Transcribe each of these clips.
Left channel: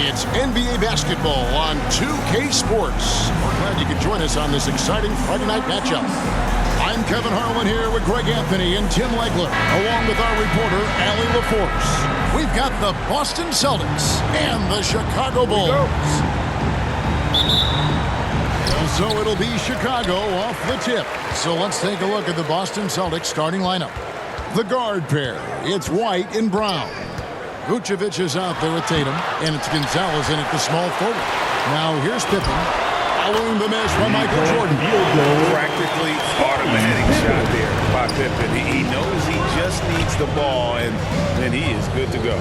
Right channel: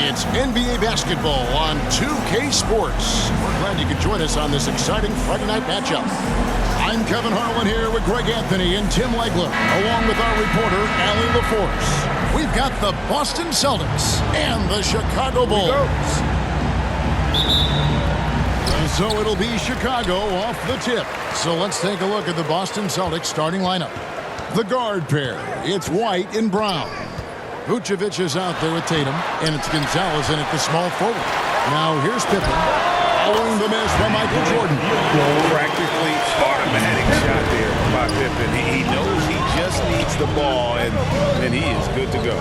It's NBA basketball on 2K Sports. We're glad you could join us on this exciting Friday night matchup. I'm Kevin Harlan here with Greg Anthony and Tim Legler, along with our reporter, Allie LaForce. We've got the Boston Celtics and the Chicago Bulls. So it'll be Chicago off the tip. So let's take a look at the Boston Celtics starting lineup. The guard pair, it's White and Brown. Vucevic is out there with Tatum, and it's Gonzalez in at the small forward. Now here's Pippen, following the miss by Michael Jordan. Practically automatic shot there by Pippen. He knows he just needs the ball, and then he is good to go.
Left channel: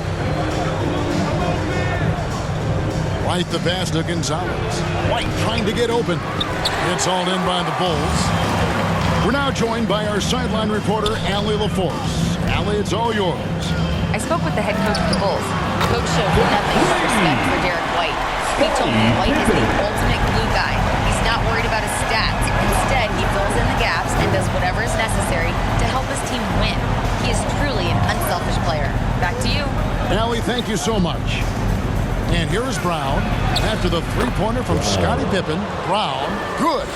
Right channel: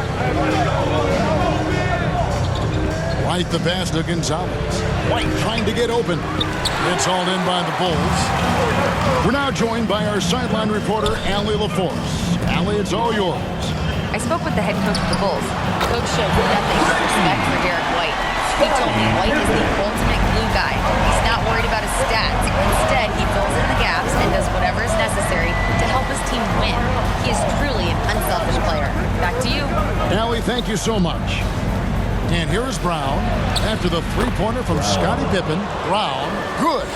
White the pass to Gonzalez. White trying to get open. It's hauled in by the Bulls. We're now joined by our sideline reporter, Allie LaForce. Allie, it's all yours. I spoke with the head coach of the Bulls. Coach showed nothing but respect for Derek White. He told me White is the ultimate glue guy. He's not worried about his stats. Instead, he fills in the gaps and does whatever is necessary to help his team win. He is truly an unselfish player. Back to you. Allie, thank you so much. And here is Brown. After the three-pointer from Scottie Pippen, Brown, good.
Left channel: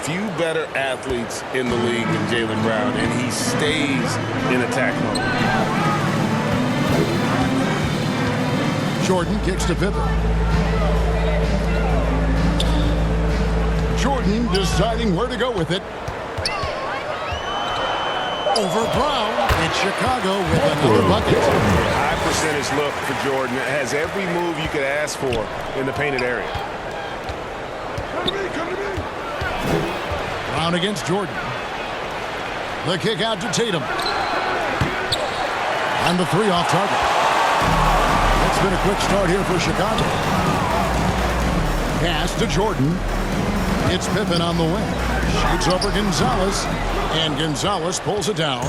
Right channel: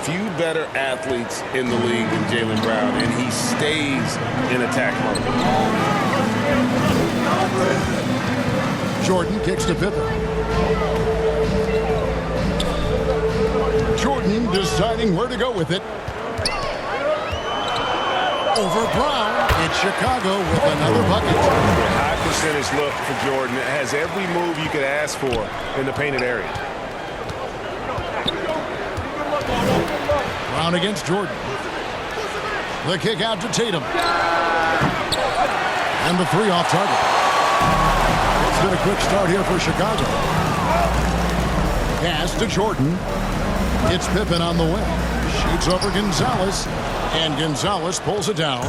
Few better athletes in the league than Jaylen Brown, and he stays in attack mode. Jordan kicks to Pippen. Jordan deciding where to go with it. Over Brown. It's Chicago with another bucket. A high percentage look for Jordan. It has every move you could ask for in the painted area. Brown against Jordan. The kick out to Tatum. And the three off target. It's been a quick start here for Chicago. Pass to Jordan. It's Pippen on the wing. Shoots over Gonzalez. And Gonzalez pulls it down.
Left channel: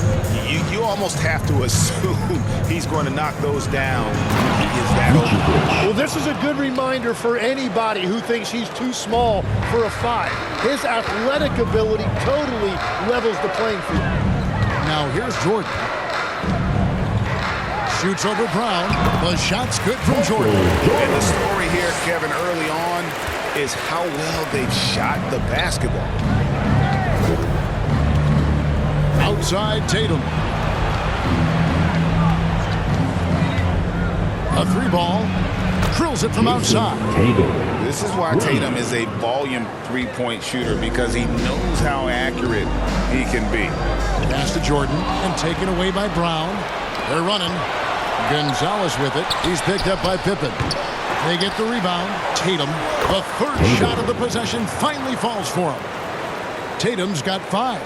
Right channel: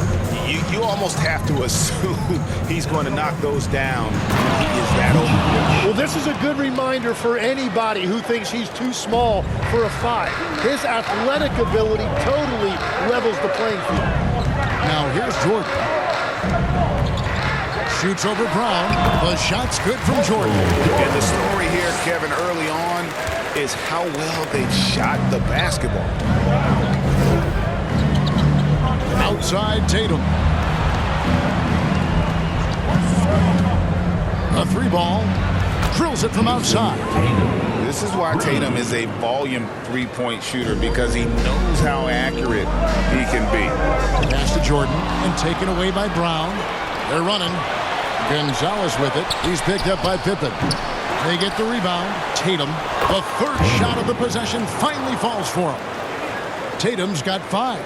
You almost have to assume he's going to knock those down. He is that open. Well, this is a good reminder for anybody who thinks he's too small for a 5. His athletic ability totally levels the playing field. Now here's Jordan. Shoots over Brown. The shot's good from Jordan. And the story here, Kevin, early on is how well they've shot the basketball. Outside Tatum. A three ball. Drills it from outside. This is why Tatum is a volume three-point shooter, because he knows how accurate he can be. Pass to Jordan and taken away by Brown. They're running. Gonzalez with it. He's picked up by Pippen. They get the rebound. Tatum, the third shot of the possession, finally falls for him. Tatum's got 5.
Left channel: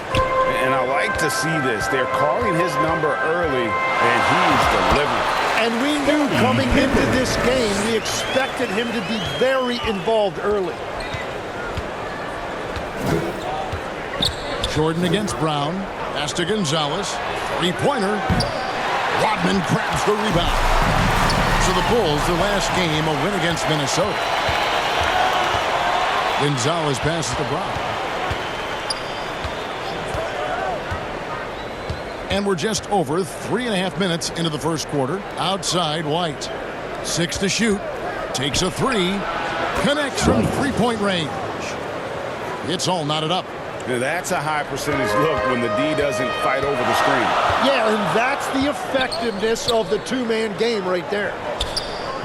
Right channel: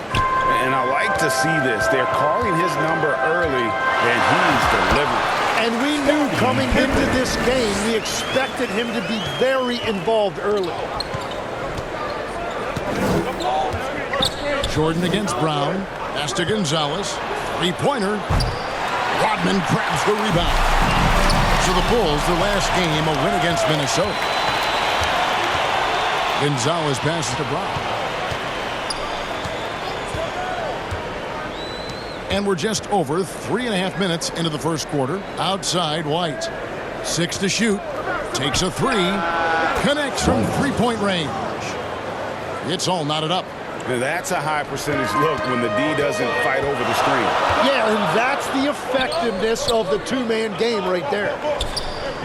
And I like to see this. They're calling his number early, and he's delivering. And we knew coming into this game, we expected him to be very involved early. Jordan against Brown. Pass to Gonzalez. Three-pointer. Rodman grabs the rebound. So the Bulls, their last game, a win against Minnesota. Gonzalez passes to Brown. And we're just over 3.5 minutes into the first quarter. Outside, White. 6 to shoot. Takes a 3. Connects from three-point range. It's all knotted up. Now that's a high percentage look when the D doesn't fight over the screen. Yeah, and that's the effectiveness of the two-man game right there.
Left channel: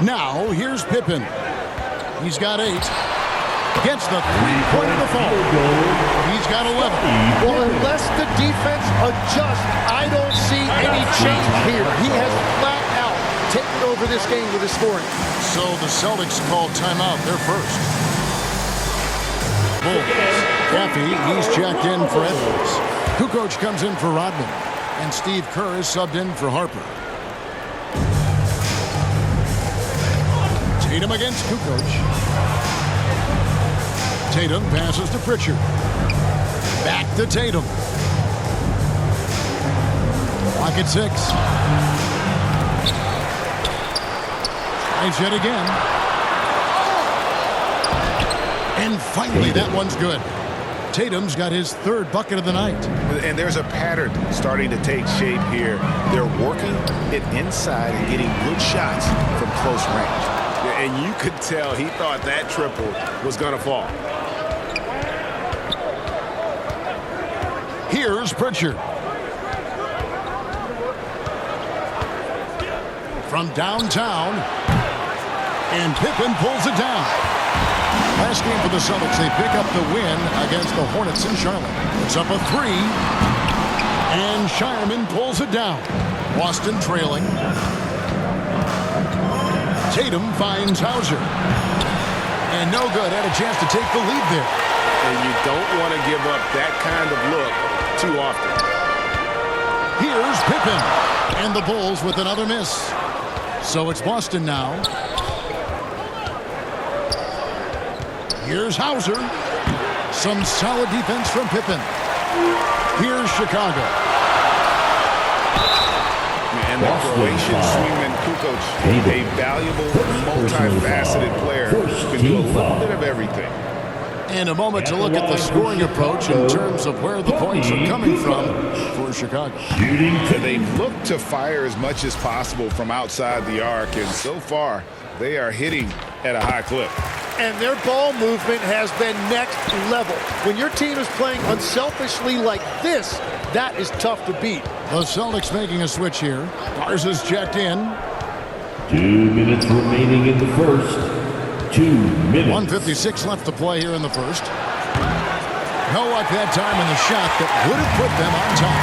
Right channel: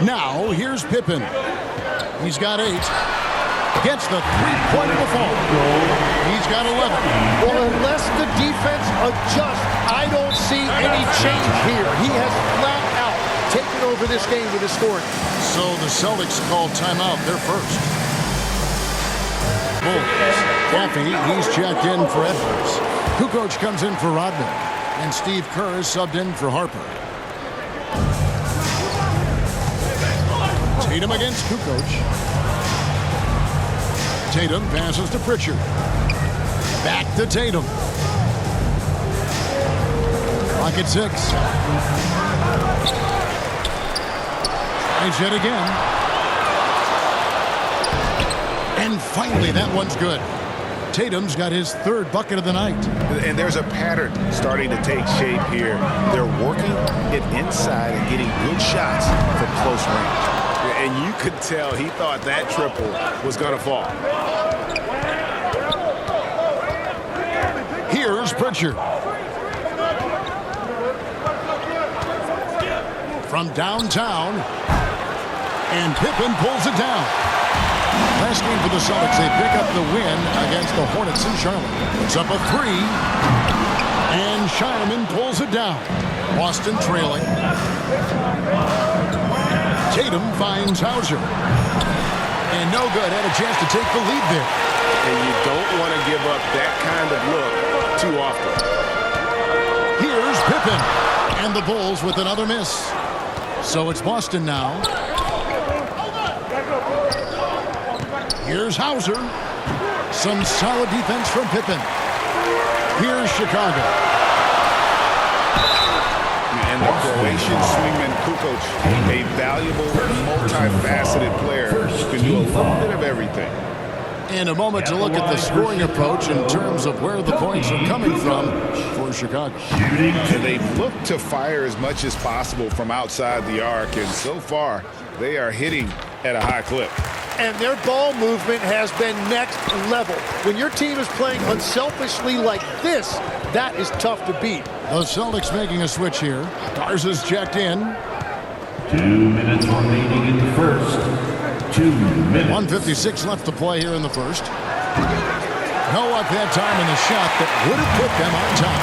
Now, here's Pippen. He's got 8. Gets the three-pointer to fall. He's got 11. Well, unless the defense adjusts, I don't see any change here. He has flat out taken over this game with his scoring. So the Celtics called timeout. They're first. Bulls. Caffey, he's checked in for Edwards. Kukoc comes in for Rodman. And Steve Kerr is subbed in for Harper. Tatum against Kukoc. Tatum passes to Pritchard. Back to Tatum. Clock at 6. Tries yet again. And finally, that one's good. Tatum's got his 3rd bucket of the night. And there's a pattern starting to take shape here. They're working it inside and getting good shots from close range. And you could tell he thought that triple was going to fall. Here's Pritchard. From downtown, and Pippen pulls it down. Last game for the Celtics, they pick up the win against the Hornets in Charlotte. Puts up a three, and Shireman pulls it down. Boston trailing. Tatum finds Hauser. And no good, had a chance to take the lead there. And you don't want to give up that kind of look too often. Here's Pippen, and the Bulls with another miss. So it's Boston now. Here's Hauser. Some solid defense from Pippen. Here's Chicago. And the Croatian swingman Kukoc, a valuable, multifaceted player who can do a little bit of everything. And a moment to look at the scoring approach in terms of where the points are coming from for Chicago. And they've looked to fire as much as possible from outside the arc, and so far, they are hitting at a high clip. And their ball movement has been next level. When your team is playing unselfishly like this, that is tough to beat. The Celtics making a switch here. Garza's checked in. 2 minutes remaining in the first. 2 minutes. 1:56 left to play here in the first. No luck that time in the shot that would have put them on top.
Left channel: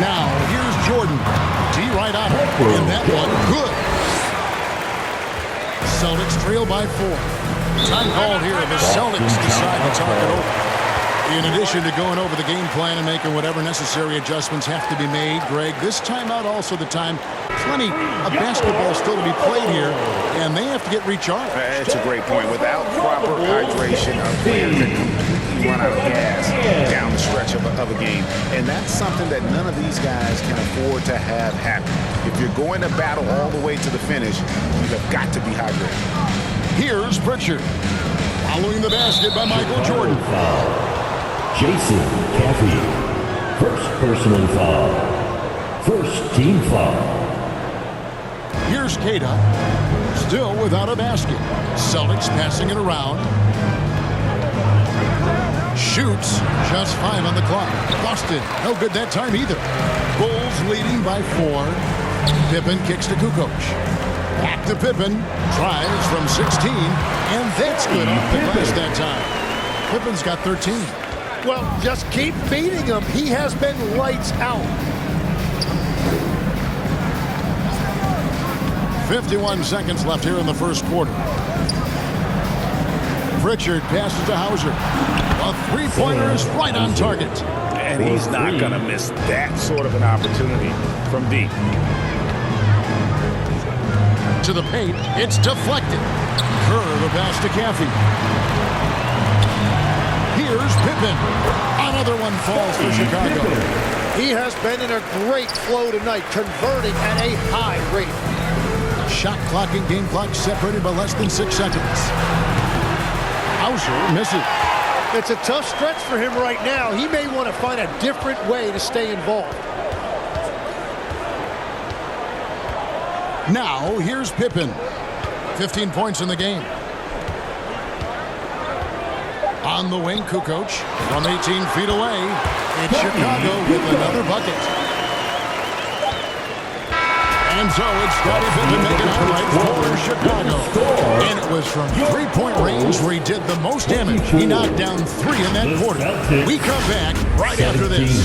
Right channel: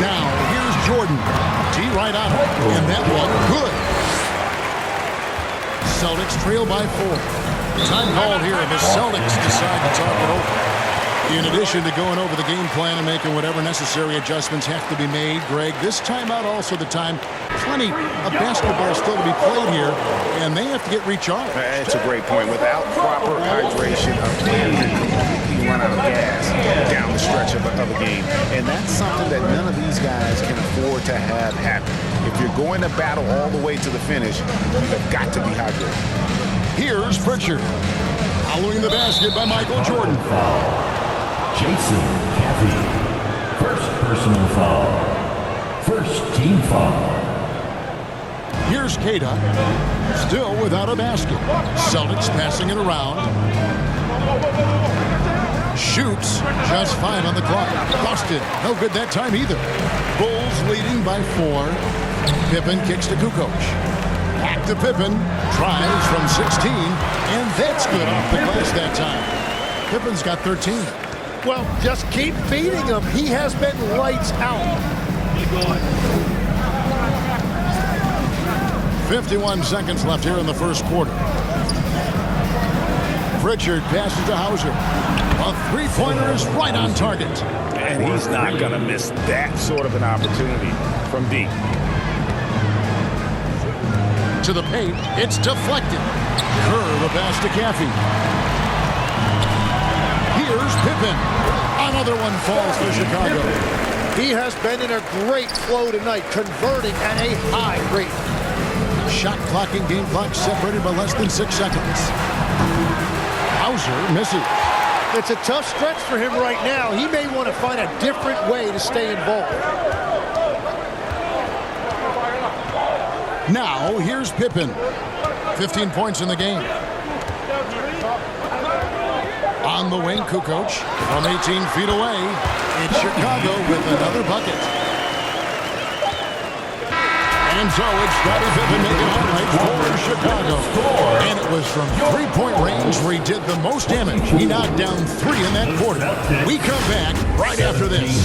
Now, here's Jordan. T right on him. And that one, good. Celtics trail by 4. Time called here. The Celtics decide to talk it over. In addition to going over the game plan and making whatever necessary adjustments have to be made, Greg, this timeout also the time. Plenty of basketball still to be played here, and they have to get recharged. That's a great point. Without proper hydration, a player can completely run out of gas down the stretch of a game. And that's something that none of these guys can afford to have happen. If you're going to battle all the way to the finish, you have got to be hydrated. Here's Pritchard. Following the basket by Michaeljordan. Foul. Chasing Caffey. First personal foul. First team foul. Here's Keita, still without a basket. Celtics passing it around. Shoots, just 5 on the clock. Busted, no good that time either. Bulls leading by 4. Pippen kicks to Kukoc. Back to Pippen, tries from 16, and that's good off the glass that time. Pippen's got 13. Well, just keep feeding him. He has been lights out. 51 seconds left here in the first quarter. Pritchard passes to Hauser. A three-pointer is right on target. And he's not going to miss that sort of an opportunity from deep. To the paint, it's deflected. Curve a pass to Caffey. Here's Pippen. Another one falls for Chicago. He has been in a great flow tonight, converting at a high rate. Shot clock and game clock separated by less than 6 seconds. Hauser misses. It's a tough stretch for him right now. He may want to find a different way to stay involved. Now, here's Pippen. 15 points in the game. On the wing, Kukoc from 18 feet away. It's Chicago with another bucket. And so it's Scottie Pippen making highlights for Chicago. And it was from three-point range where he did the most damage. He knocked down 3 in that quarter. We come back right after this.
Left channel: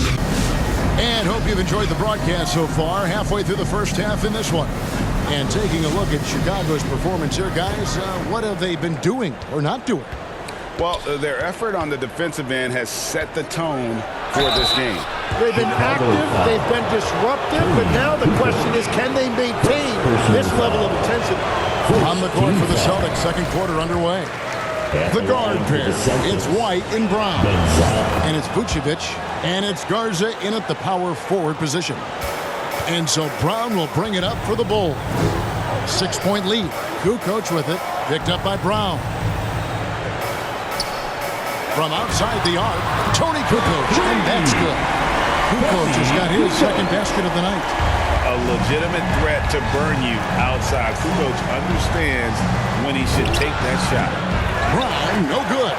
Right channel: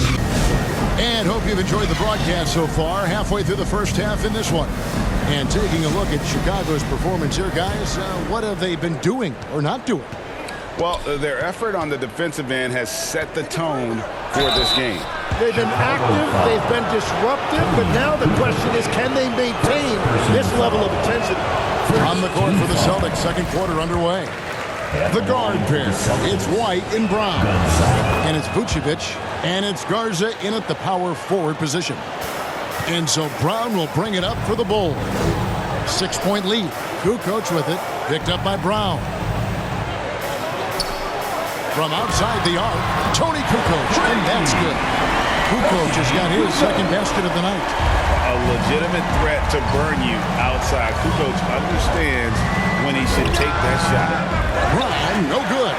And hope you've enjoyed the broadcast so far. Halfway through the first half in this one. And taking a look at Chicago's performance here, guys, what have they been doing or not doing? Well, their effort on the defensive end has set the tone for this game. They've been active, they've been disruptive, but now the question is, can they maintain this level of intensity? On the court for the Celtics, second quarter underway. The guard pair, it's White and Brown. And it's Vucevic, and it's Garza in at the power forward position. And so Brown will bring it up for the Bulls. 6-point lead. Kukoc with it, picked up by Brown. From outside the arc, Tony Kukoc, and that's good. Kukoc has got his second basket of the night. a legitimate threat to burn you outside. Kukoc understands when he should take that shot. Brown, no good.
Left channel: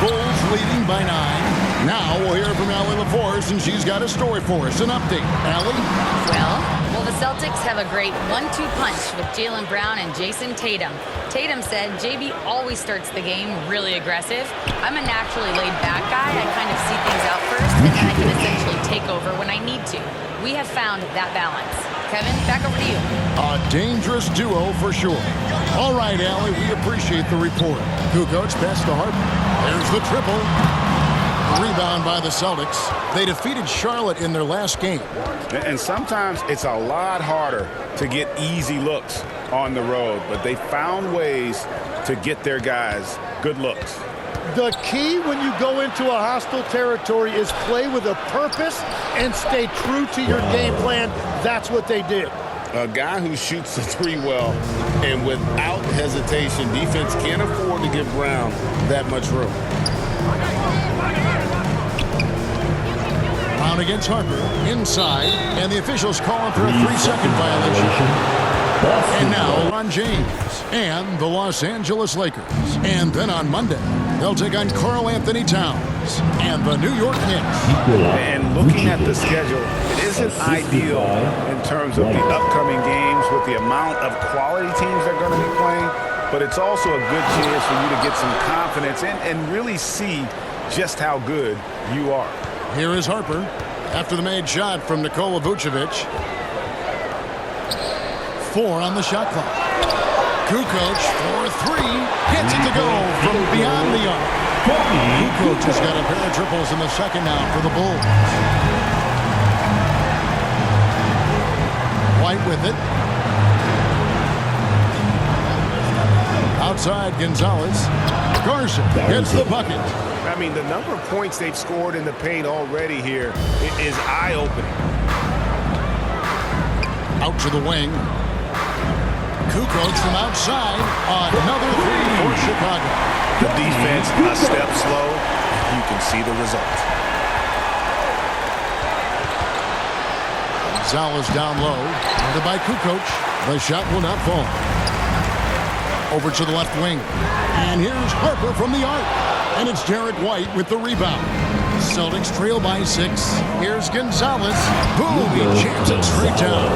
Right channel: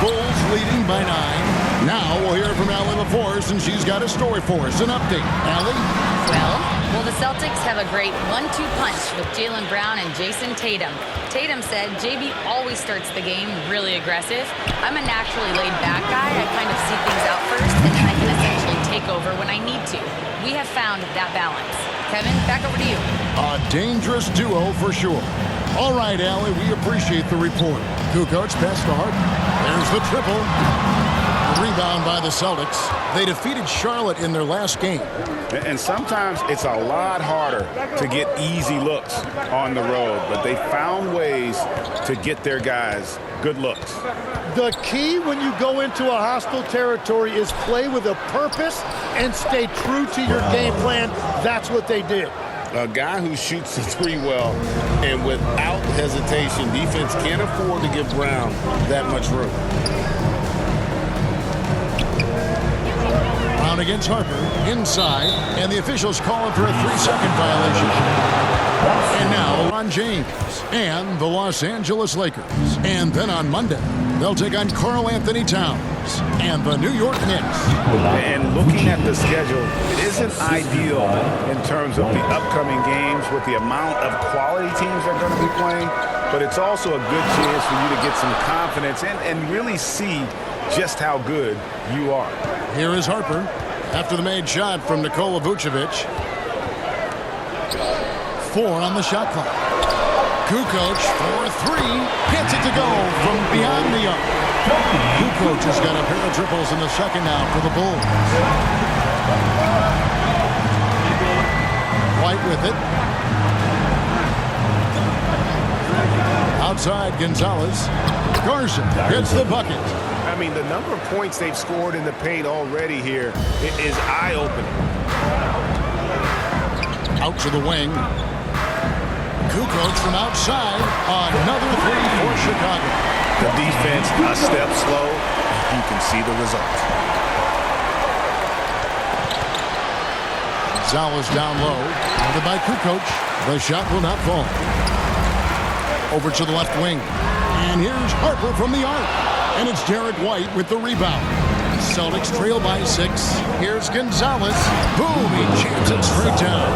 Bulls leading by 9. Now we'll hear from Allie LaForce, and she's got a story for us. An update. Allie? Well, the Celtics have a great 1-2 punch with Jaylen Brown and Jason Tatum. Tatum said JB always starts the game really aggressive. I'm a naturally laid-back guy. I kind of see things out first, and then I can essentially take over when I need to. We have found that balance. Kevin, back over to you. A dangerous duo for sure. All right, Allie, we appreciate the report. Kukoc pass to Harden. There's the triple. The rebound by the Celtics. They defeated Charlotte in their last game. And sometimes it's a lot harder to get easy looks on the road, but they found ways to get their guys good looks. The key when you go into a hostile territory is play with a purpose and stay true to your game plan. That's what they did. A guy who shoots the three well and without hesitation, defense can't afford to give Brown that much room. Brown against Harper, inside, and the officials calling for a 3-second violation. And now, LeBron James and the Los Angeles Lakers. And then on Monday, they'll take on Karl Anthony Towns and the New York Knicks. And looking at the schedule, it isn't ideal in terms of the upcoming games with the amount of quality teams they're going to be playing, but it's also a good chance for you to get some confidence and really see just how good you are. Here is Harper after the made shot from Nikola Vucevic. 4 on the shot clock. Kukoc for 3, gets it to go from beyond the arc. Kukoc has got a pair of triples in the second now for the Bulls. White with it. Outside Gonzalez. Garza gets the bucket. I mean, the number of points they've scored in the paint already here is eye-opening. Out to the wing. Kukoc from outside. Another 3 for Chicago. The defense a step slow, and you can see the result. Gonzalez down low. Guarded by Kukoc. The shot will not fall. Over to the left wing. And here's Harper from the arc. And it's Derek White with the rebound. Celtics trail by 6. Here's Gonzalez. Boom, he jams it straight down.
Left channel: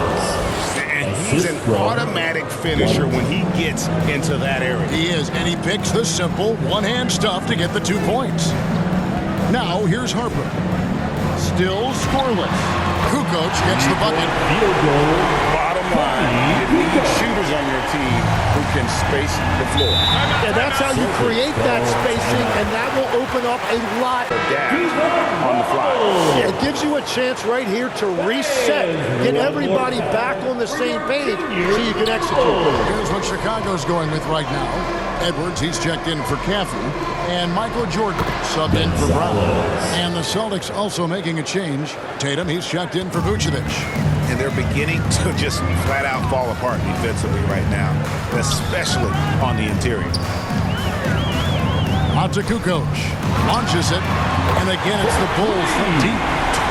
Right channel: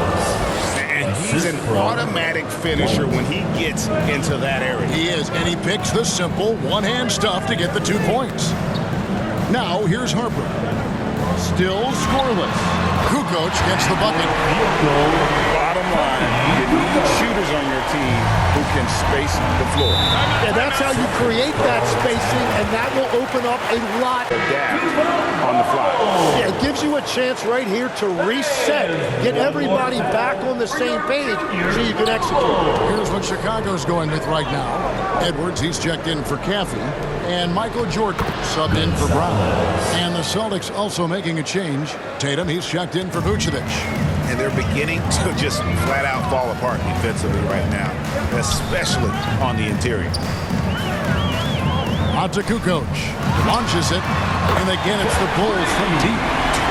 And he's an automatic finisher when he gets into that area. He is, and he picks the simple one-hand stuff to get the 2 points. Now, here's Harper. Still scoreless. Kukoc gets the bucket. Field goal. Bottom line, you need shooters on your team who can space the floor. And that's how you create that spacing, and that will open up a lot. Adapt on the fly. Yeah, it gives you a chance right here to reset, get everybody back on the same page so you can execute. Here's what Chicago's going with right now. Edwards, he's checked in for Caffey. And michaeljordan subbed in for Brown. And the Celtics also making a change. Tatum, he's checked in for Vucevic. And they're beginning to just flat out fall apart defensively right now, especially on the interior. Out to Kukoc. Launches it. And again, it's the Bulls from deep.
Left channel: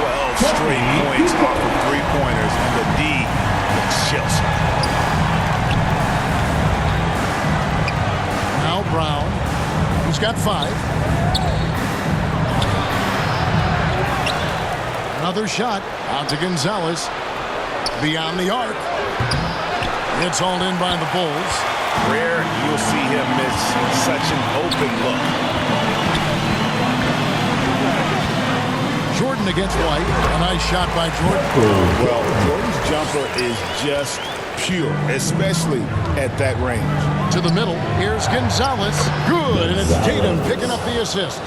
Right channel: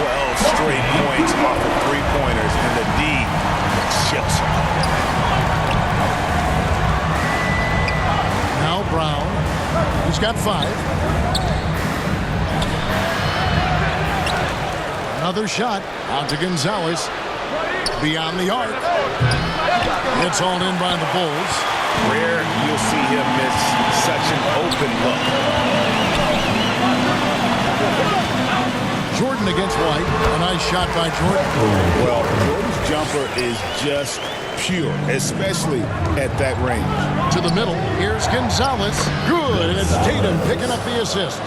12 straight points off of three-pointers, and the D looks shell-shocked. Now Brown. He's got 5. Another shot out to Gonzalez. Beyond the arc. It's hauled in by the Bulls. Rare you'll see him miss such an open look. Jordan against White. A nice shot by Jordan. Well, Jordan's jumper is just pure, especially at that range. To the middle. Here's Gonzalez. Good, and it's Tatum picking up the assist.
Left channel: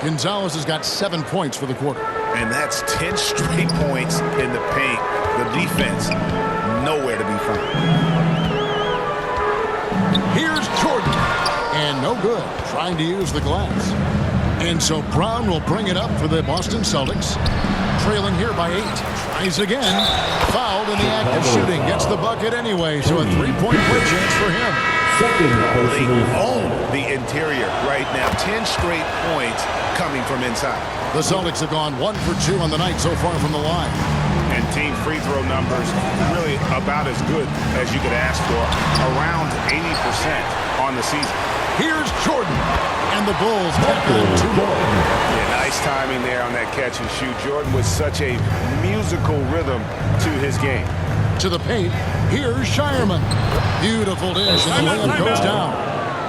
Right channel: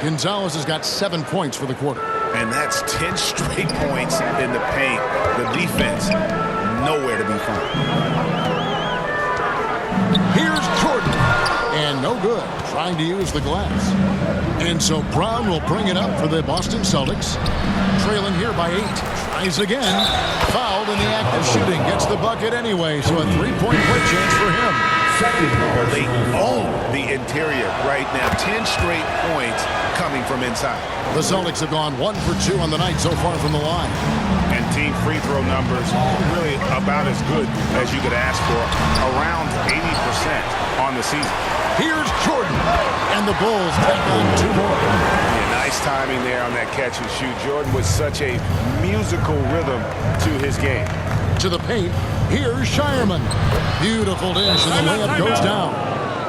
Gonzalez has got 7 points for the quarter. And that's 10 straight points in the paint. The defense, nowhere to be found. Here's Jordan. And no good, trying to use the glass. And so Brown will bring it up for the Boston Celtics. Trailing here by 8. Tries again. Fouled in the act of shooting. Gets the bucket anyway, so a 3-point play chance for him. They own the interior right now. 10 straight points coming from inside. The Celtics have gone 1 for 2 on the night so far from the line. And team free throw numbers really about as good as you could ask for, around 80% on the season. Here's Jordan, and the Bulls tack on 2 more. Yeah, nice timing there on that catch and shoot. Jordan with such a musical rhythm to his game. To the paint, here's Shireman. Beautiful dish, and the layup goes down.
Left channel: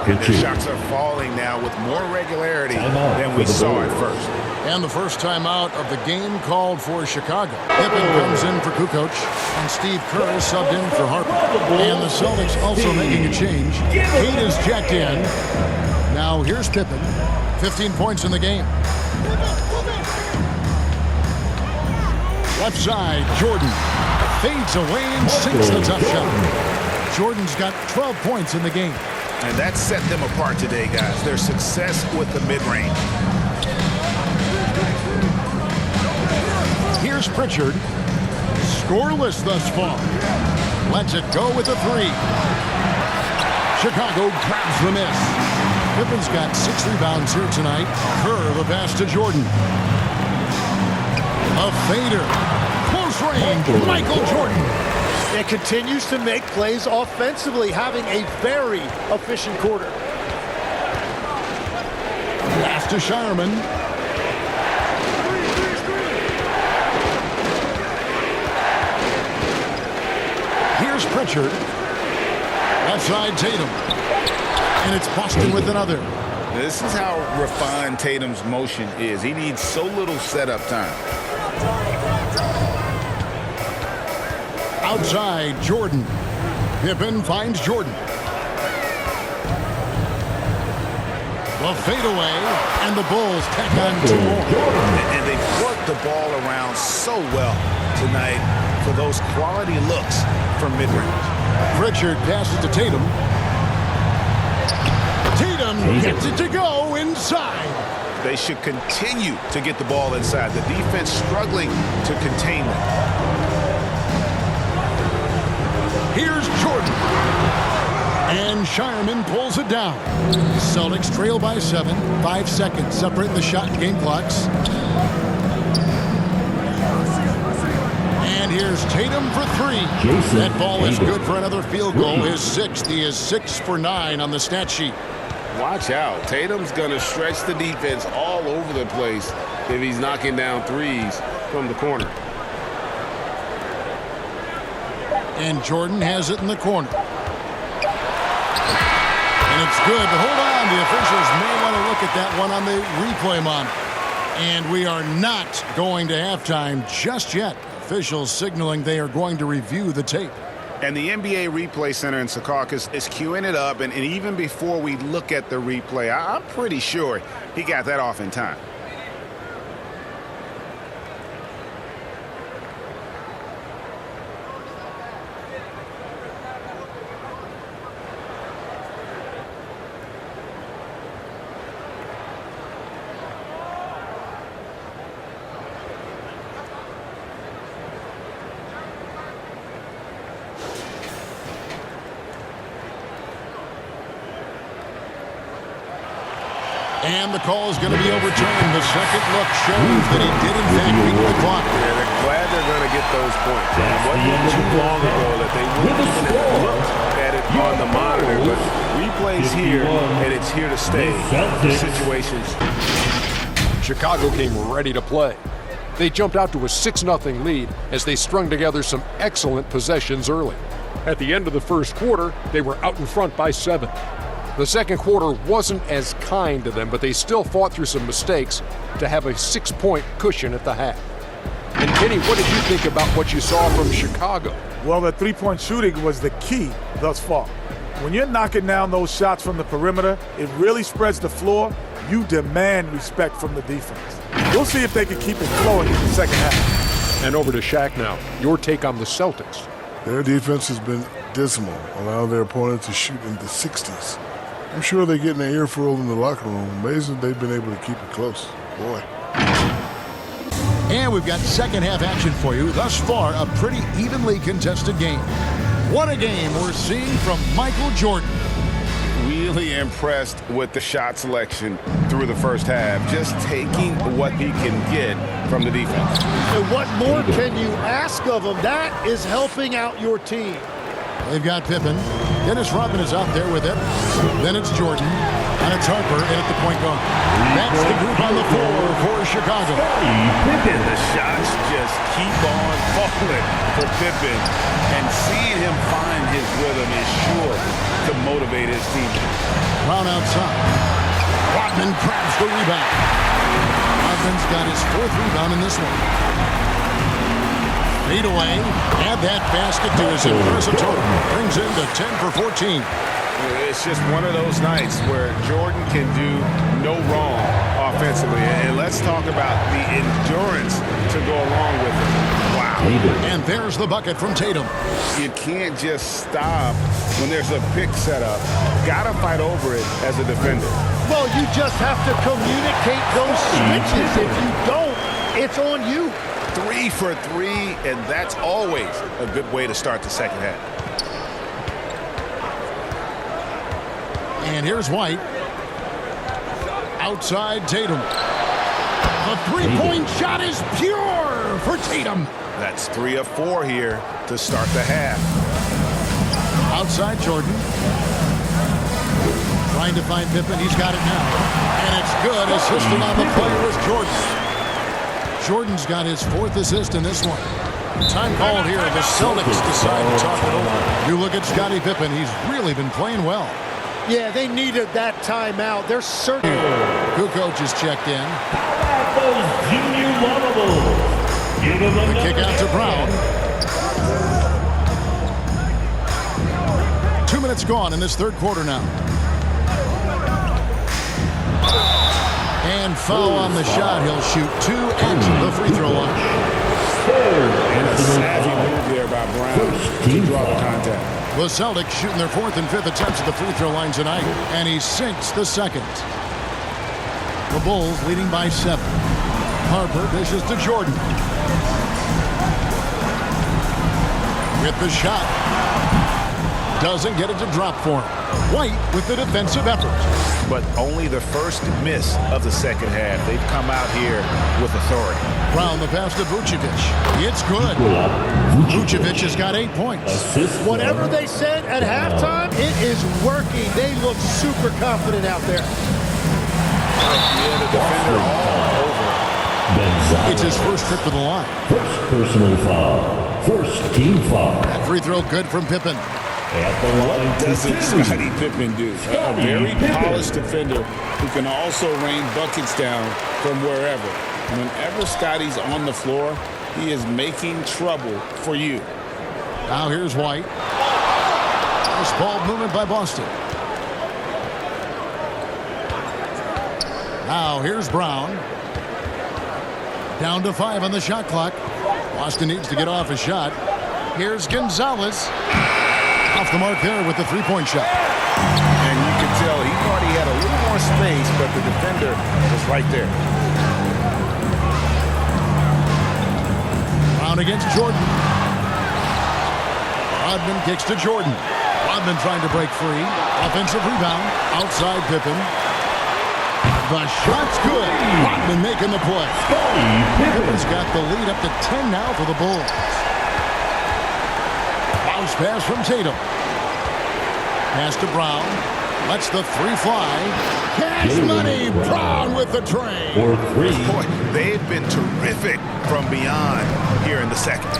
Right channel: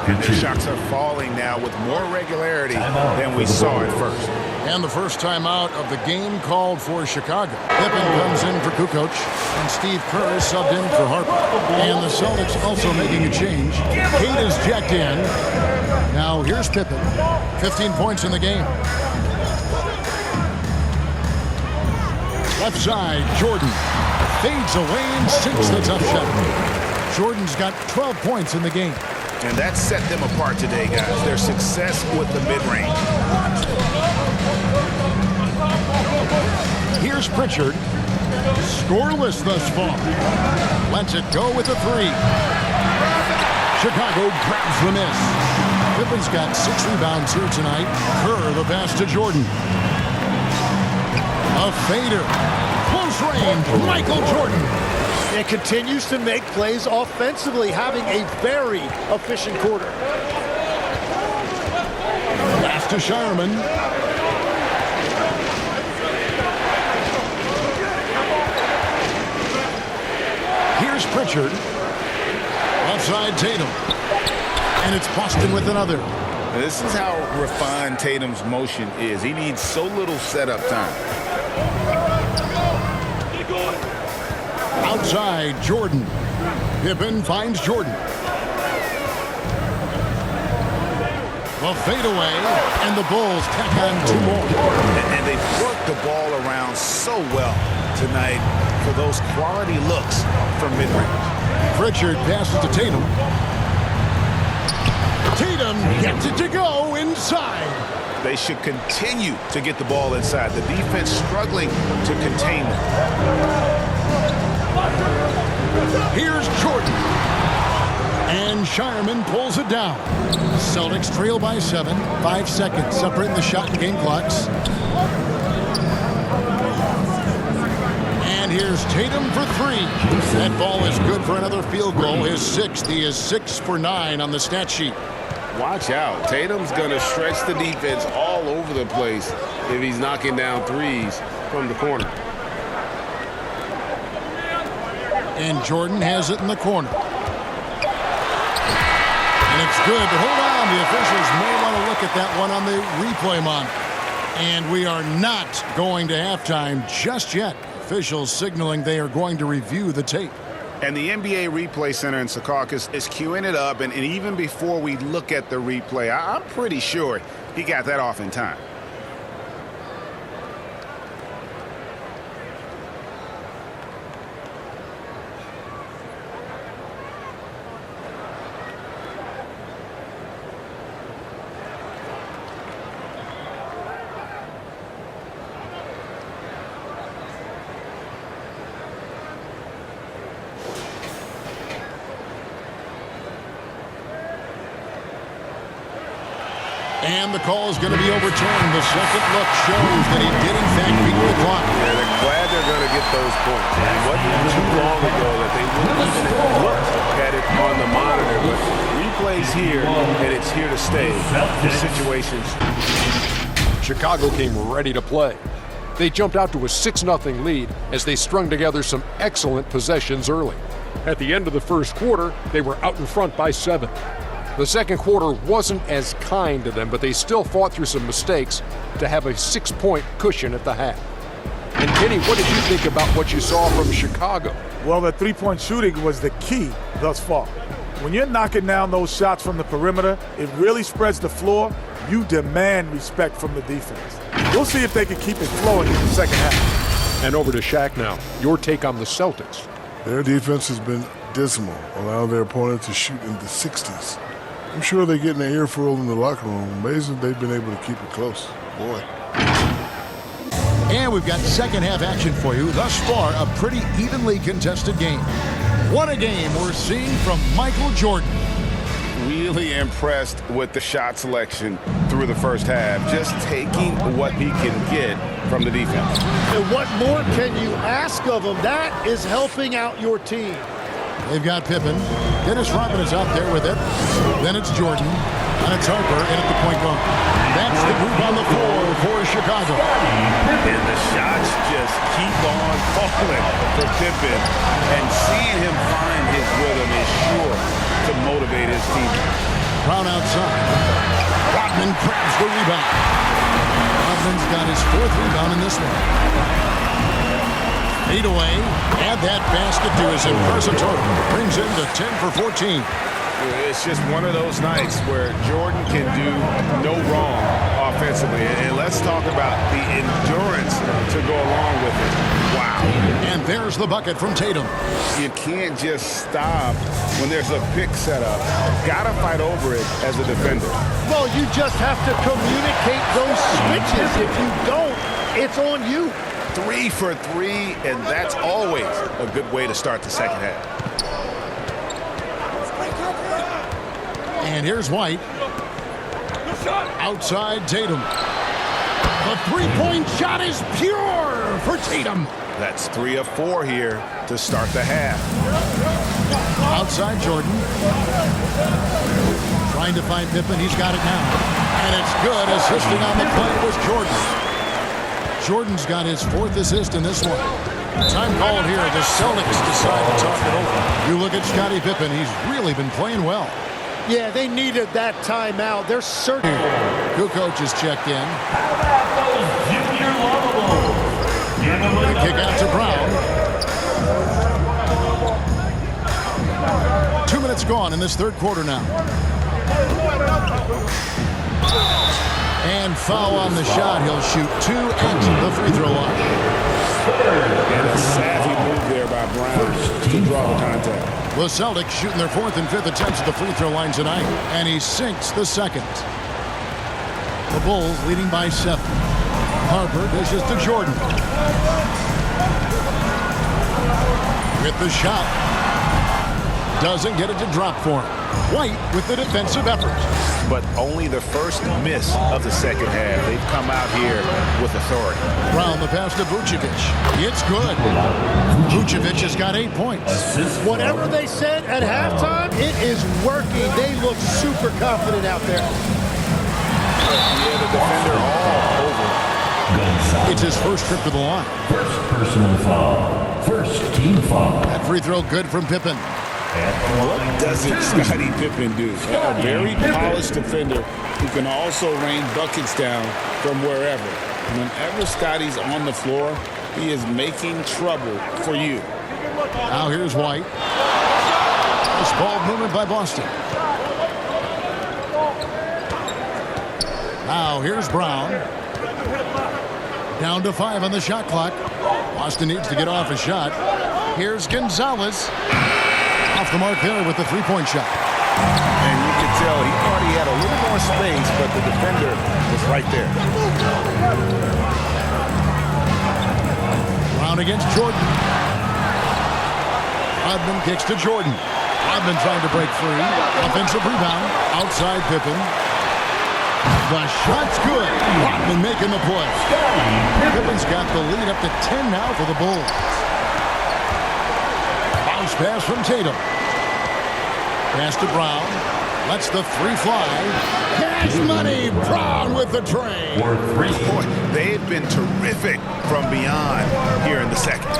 And their shots are falling now with more regularity than we saw at first. And the first timeout of the game called for Chicago. Pippen comes in for Kukoc, and Steve Kerr is subbed in for Harper. And the Celtics also making a change. Kate is jacked in. Now here's Pippen, 15 points in the game. Left side, Jordan fades away and sinks the tough shot. Jordan's got 12 points in the game. And that set them apart today, guys. Their success with the mid-range. Here's Pritchard. Scoreless thus far. Lets it go with a 3. Chicago grabs the miss. Pippen's got 6 rebounds here tonight. Kerr the pass to Jordan. A fader. Close range, Michael Jordan. And continues to make plays offensively, having a very efficient quarter. Pass to Shireman. Here's Pritchard. Left side, Tatum. And it's Boston with another. This is how refined Tatum's motion is. He needs so little setup time. Outside, Jordan. Pippen finds Jordan. The fadeaway, and the Bulls tack on 2 more. And they've worked the ball around so well tonight for those quality looks from mid-range. Pritchard passes to Tatum. Tatum gets it to go inside. They should continue to get the ball inside. The defense struggling to contain them. Here's Jordan. And Shireman pulls it down. Celtics trail by 7. 5 seconds separating the shot and game clocks. And here's Tatum for 3. That ball is good for another field goal. His 6th. He is 6 for 9 on the stat sheet. Watch out. Tatum's going to stretch the defense all over the place if he's knocking down threes from the corner. And Jordan has it in the corner. And it's good, but hold on. The officials may want to look at that one on the replay monitor. And we are not going to halftime just yet. Officials signaling they are going to review the tape. And the NBA Replay Center in Secaucus is queuing it up. And even before we look at the replay, I'm pretty sure he got that off in time. And the call is going to be overturned. The second look shows that he did, in fact, beat the clock. Yeah, they're glad they're going to get those points. It wasn't too long ago that they wouldn't even have looked at it on the monitor. But replay's here, and it's here to stay. The situations. Chicago came ready to play. They jumped out to a 6-0 lead as they strung together some excellent possessions early. At the end of the first quarter, they were out in front by 7. The second quarter wasn't as kind to them, but they still fought through some mistakes to have a 6-point cushion at the half. And Kenny, what did you think about what you saw from Chicago? Well, the three-point shooting was the key thus far. When you're knocking down those shots from the perimeter, it really spreads the floor. You demand respect from the defense. We'll see if they can keep it flowing in the second half. And over to Shaq now. Your take on the Celtics. Their defense has been dismal, allowing their opponent to shoot in the 60s. I'm sure they're getting an earful in the locker room. Amazing they've been able to keep it close. Boy. And we've got second half action for you. Thus far, a pretty evenly contested game. What a game we're seeing from Michael Jordan. really impressed with the shot selection through the first half, just taking what he can get from the defense. And what more can you ask of him? That is helping out your team. They've got Pippen. Dennis Rodman is out there with it. Then it's Jordan. And it's Harper in at the point guard. That's the group on the floor for Chicago. Pippen, the shots just keep on falling for Pippen. And seeing him find his rhythm is sure to motivate his teammates. Brown outside. Rodman grabs the rebound. Rodman's got his 4th rebound in this one. Fade away. Add that basket to his impressive total. Brings him to 10 for 14. It's just one of those nights where Jordan can do no wrong offensively. And let's talk about the endurance to go along with it. Wow. And there's the bucket from Tatum. You can't just stop when there's a pick set up. Got to fight over it as a defender. Well, you just have to communicate those switches. If you don't, it's on you. 3 for 3, and that's always a good way to start the second half. And here's White. Outside Tatum. The three-point shot is pure for Tatum. That's 3 of 4 here to start the half. Outside Jordan. Trying to find Pippen. He's got it now. And it's good. Assisting on the play was Jordan. Jordan's got his 4th assist in this one. Time called here. The Celtics decide to talk it over. You look at Scottie Pippen. He's really been playing well. Yeah, they needed that timeout. They're certain. Kukoc is checked in. How about those junior lovables? Give them The kick out to Brown. 2 minutes gone in this 3rd quarter now. And foul on the shot. He'll shoot 2 at the free throw line. And a savvy move there by Brown to draw the contact. The Celtics shooting their 4th and 5th attempts at the free throw line tonight. And he sinks the 2nd. The Bulls leading by 7. Harper dishes to Jordan. With the shot. Doesn't get it to drop for him. White with the defensive effort. But only the first miss of the second half. They've come out here with authority. Brown the pass to Vucevic. It's good. Vucevic has got 8 points. Whatever they said at halftime, it is working. They look super confident out there. Yeah, the defender all over. It's his first trip to the line. First personal foul. First team foul. That free throw good from Pippen. What doesn't Scottie Pippen do? A very polished defender who can also rain buckets down from wherever. Whenever Scottie's on the floor, he is making trouble for you. Now here's White. Nice ball movement by Boston. Now here's Brown. Down to 5 on the shot clock. Boston needs to get off a shot. Here's Gonzalez. Off the mark there with the 3-point shot. And you could tell he thought he had a little more space, but the defender was right there. Brown against Jordan. Rodman kicks to Jordan. Rodman trying to break free. Offensive rebound. Outside Pippen. The shot's good. Rodman making the play. Pippen's got the lead up to 10 now for the Bulls. Bounce pass from Tatum. Pass to Brown. Lets the 3 fly. Cash money. Brown with the train. For 3. Boy, they've been terrific from beyond here in the second.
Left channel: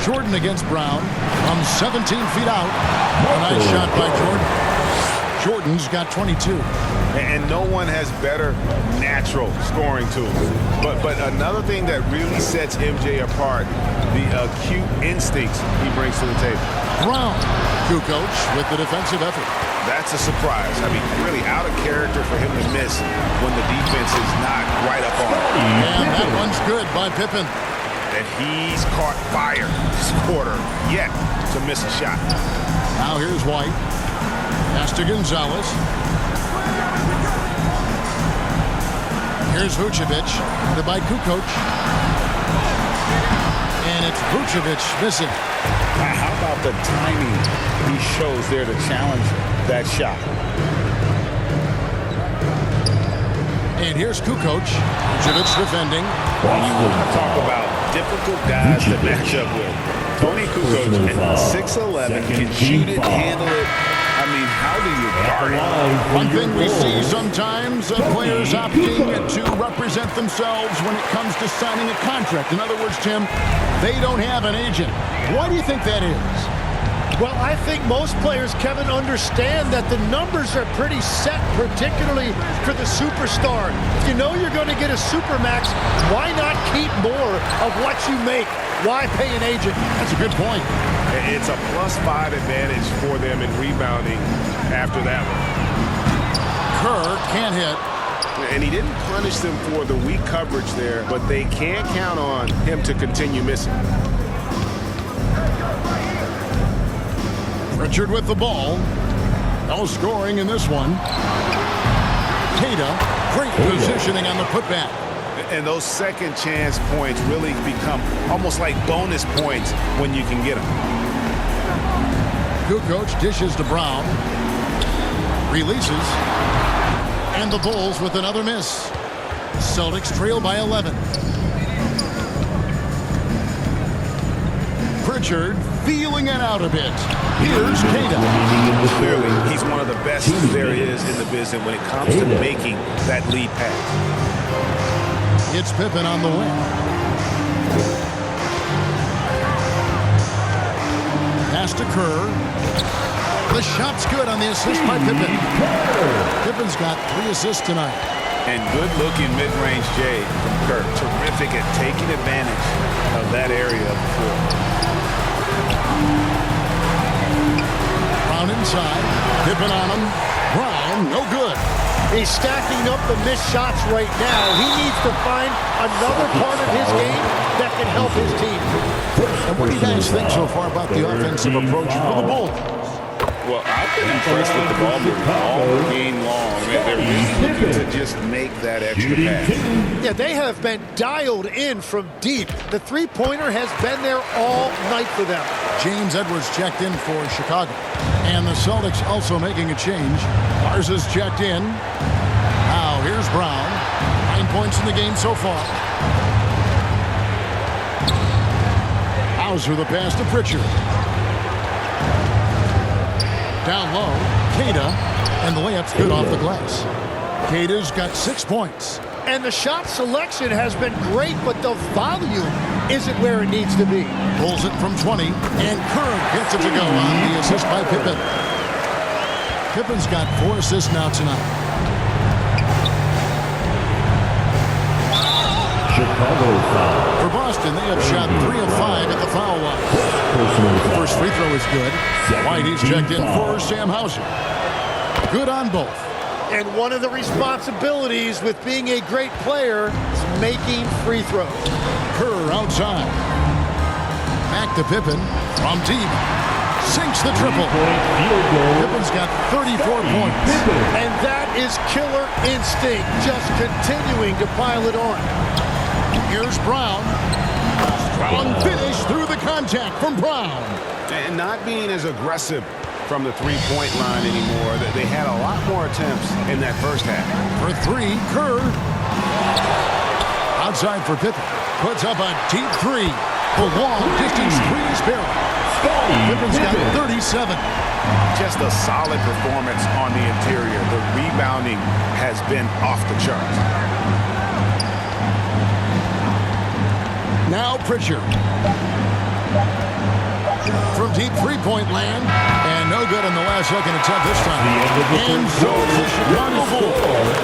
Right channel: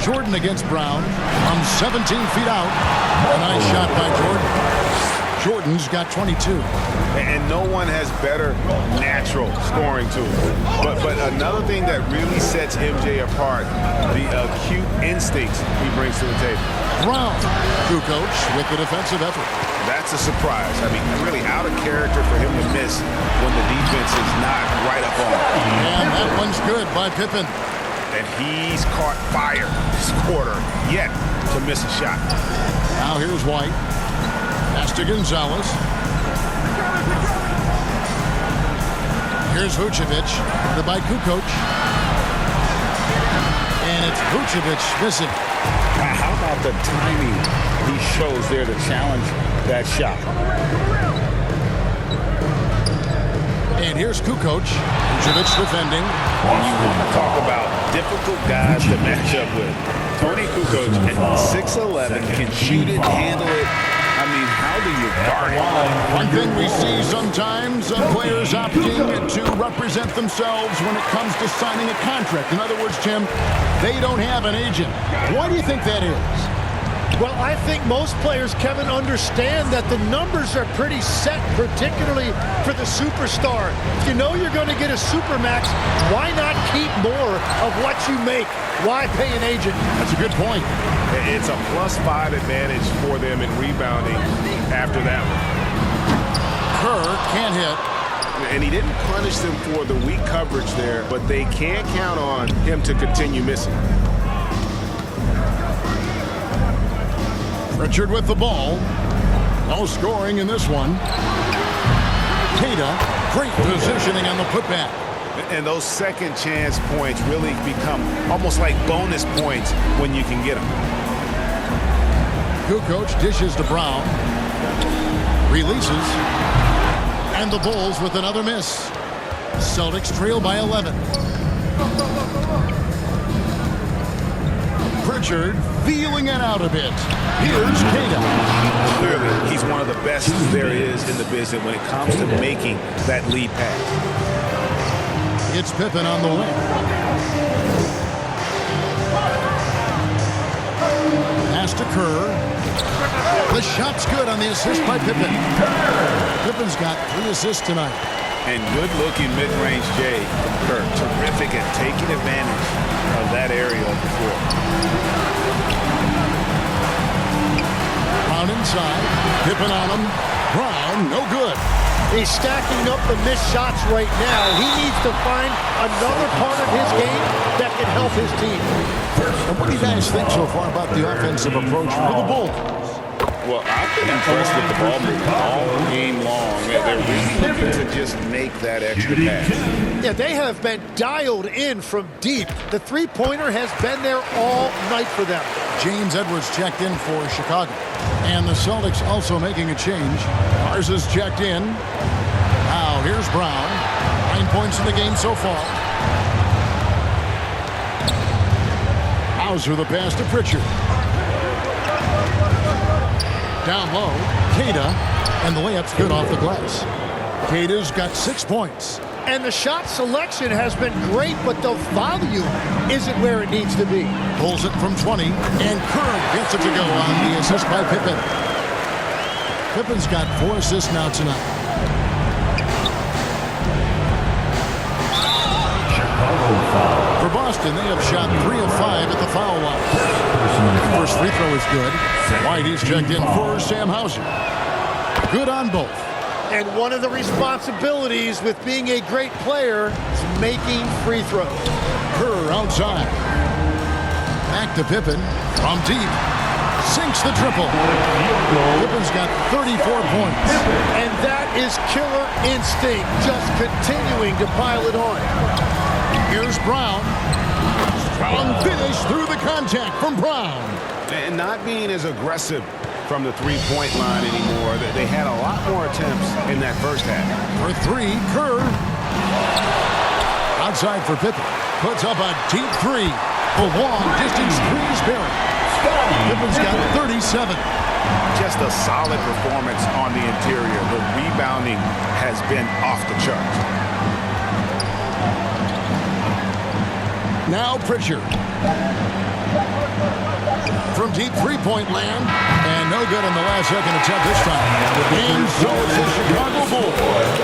Jordan against Brown from 17 feet out. A nice shot by Jordan. Jordan's got 22. And no one has better natural scoring tools. But another thing that really sets MJ apart, the acute instincts he brings to the table. Brown, Kukoc with the defensive effort. That's a surprise. I mean, really out of character for him to miss when the defense is not right up on it. And that one's good by Pippen. And he's caught fire this quarter, yet to miss a shot. Now here's White. Pass to Gonzalez. Here's Vucevic, guarded by Kukoc. And it's Vucevic missing. How about the timing he shows there to challenge that shot? And here's Kukoc. Vucevic defending. When you want to talk about difficult guys to match up with, Tony Kukoc at 6'11" can shoot it, handle it. I mean, how do you guard it? One thing we see sometimes, players opting to represent themselves when it comes to signing a contract. In other words, Tim, they don't have an agent. Why do you think that is? Well, I think most players, Kevin, understand that the numbers are pretty set, particularly for the superstar. If you know you're going to get a supermax, why not keep more of what you make? Why pay an agent? That's a good point. It's a +5 advantage for them in rebounding after that one. Kerr can't hit. And he didn't punish them for the weak coverage there, but they can't count on him to continue missing. Pritchard with the ball. No scoring in this one. Keita, great positioning on the putback. And those second chance points really become almost like bonus points when you can get them. Kukoc dishes to Brown. Releases. And the Bulls with another miss. Celtics trail by 11. Pritchard feeling it out a bit. Here's Keita. Clearly, he's one of the best there is in the business when it comes to making that lead pass. It's Pippen on the wing. Pass to Kerr. The shot's good on the assist by Pippen. Pippen's got 3 assists tonight. And good-looking mid-range J from Kerr. Terrific at taking advantage of that area of the floor. Brown inside. Pippen on him. Brown, no good. He's stacking up the missed shots right now. He needs to find another part of his game that can help his team. And what do you guys think so far about the offensive approach for the Bulls? Well, I've been impressed with the ball movement all game long. They're really looking to just make that extra pass. Yeah, they have been dialed in from deep. The three-pointer has been there all night for them. James Edwards checked in for Chicago. And the Celtics also making a change. Garza's checked in. Now here's Brown. 9 points in the game so far. Hauser the pass to Pritchard. Down low, Keita, and the layup's good off the glass. Keita's got 6 points. And the shot selection has been great, but the volume isn't where it needs to be. Pulls it from 20, and Kerr gets it to go on the assist by Pippen. Pippen's got 4 assists now tonight. Chicago foul. For Boston, they have shot 3 of 5 at the foul line. The first free throw is good. White, he's checked in for Sam Hauser. Good on both. And one of the responsibilities with being a great player is making free throws. Kerr outside. Back to Pippen from deep. Sinks the triple. Pippen's got 34 points. And that is killer instinct, just continuing to pile it on. Here's Brown. Strong finish through the contact from Brown. And not being as aggressive from the three-point line anymore. They had a lot more attempts in that first half. For 3, Kerr. Outside for Pippen. Puts up a deep 3. The long-distance 3 is buried. Pippen's got 37. Just a solid performance on the interior. The rebounding has been off the charts. Now Pritchard. From deep three-point land. And no good on the last second attempt this time. And so it's the Chicago Bulls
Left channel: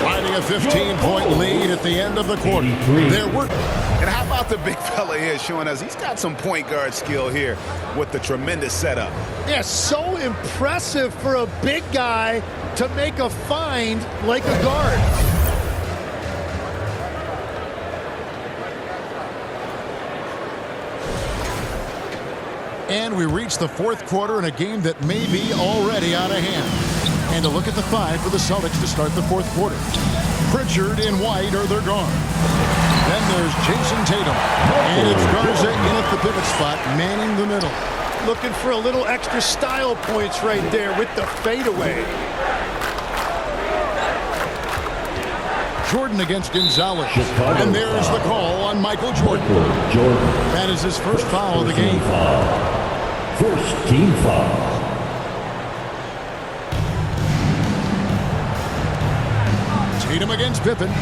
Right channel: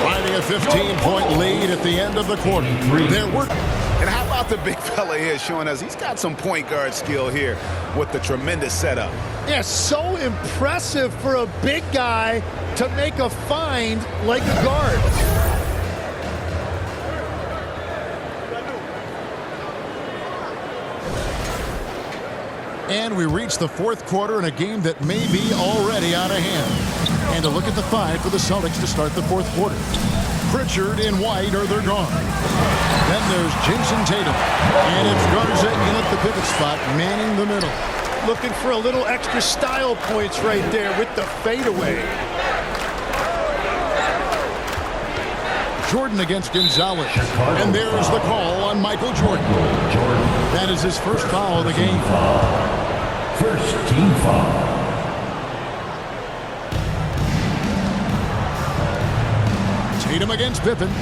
finding a 15-point lead at the end of the quarter. Their work. And how about the big fella here showing us he's got some point guard skill here with the tremendous setup. Yeah, so impressive for a big guy to make a find like a guard. And we reach the fourth quarter in a game that may be already out of hand. And a look at the 5 for the Celtics to start the fourth quarter. Pritchard and White are their guards. Then there's Jason Tatum. And it's Garza in at the pivot spot, manning the middle. Looking for a little extra style points right there with the fadeaway. Jordan against Gonzalez. And there's the call on Michael Jordan. That is his first foul of the game. First team foul. Tatum against Pippen.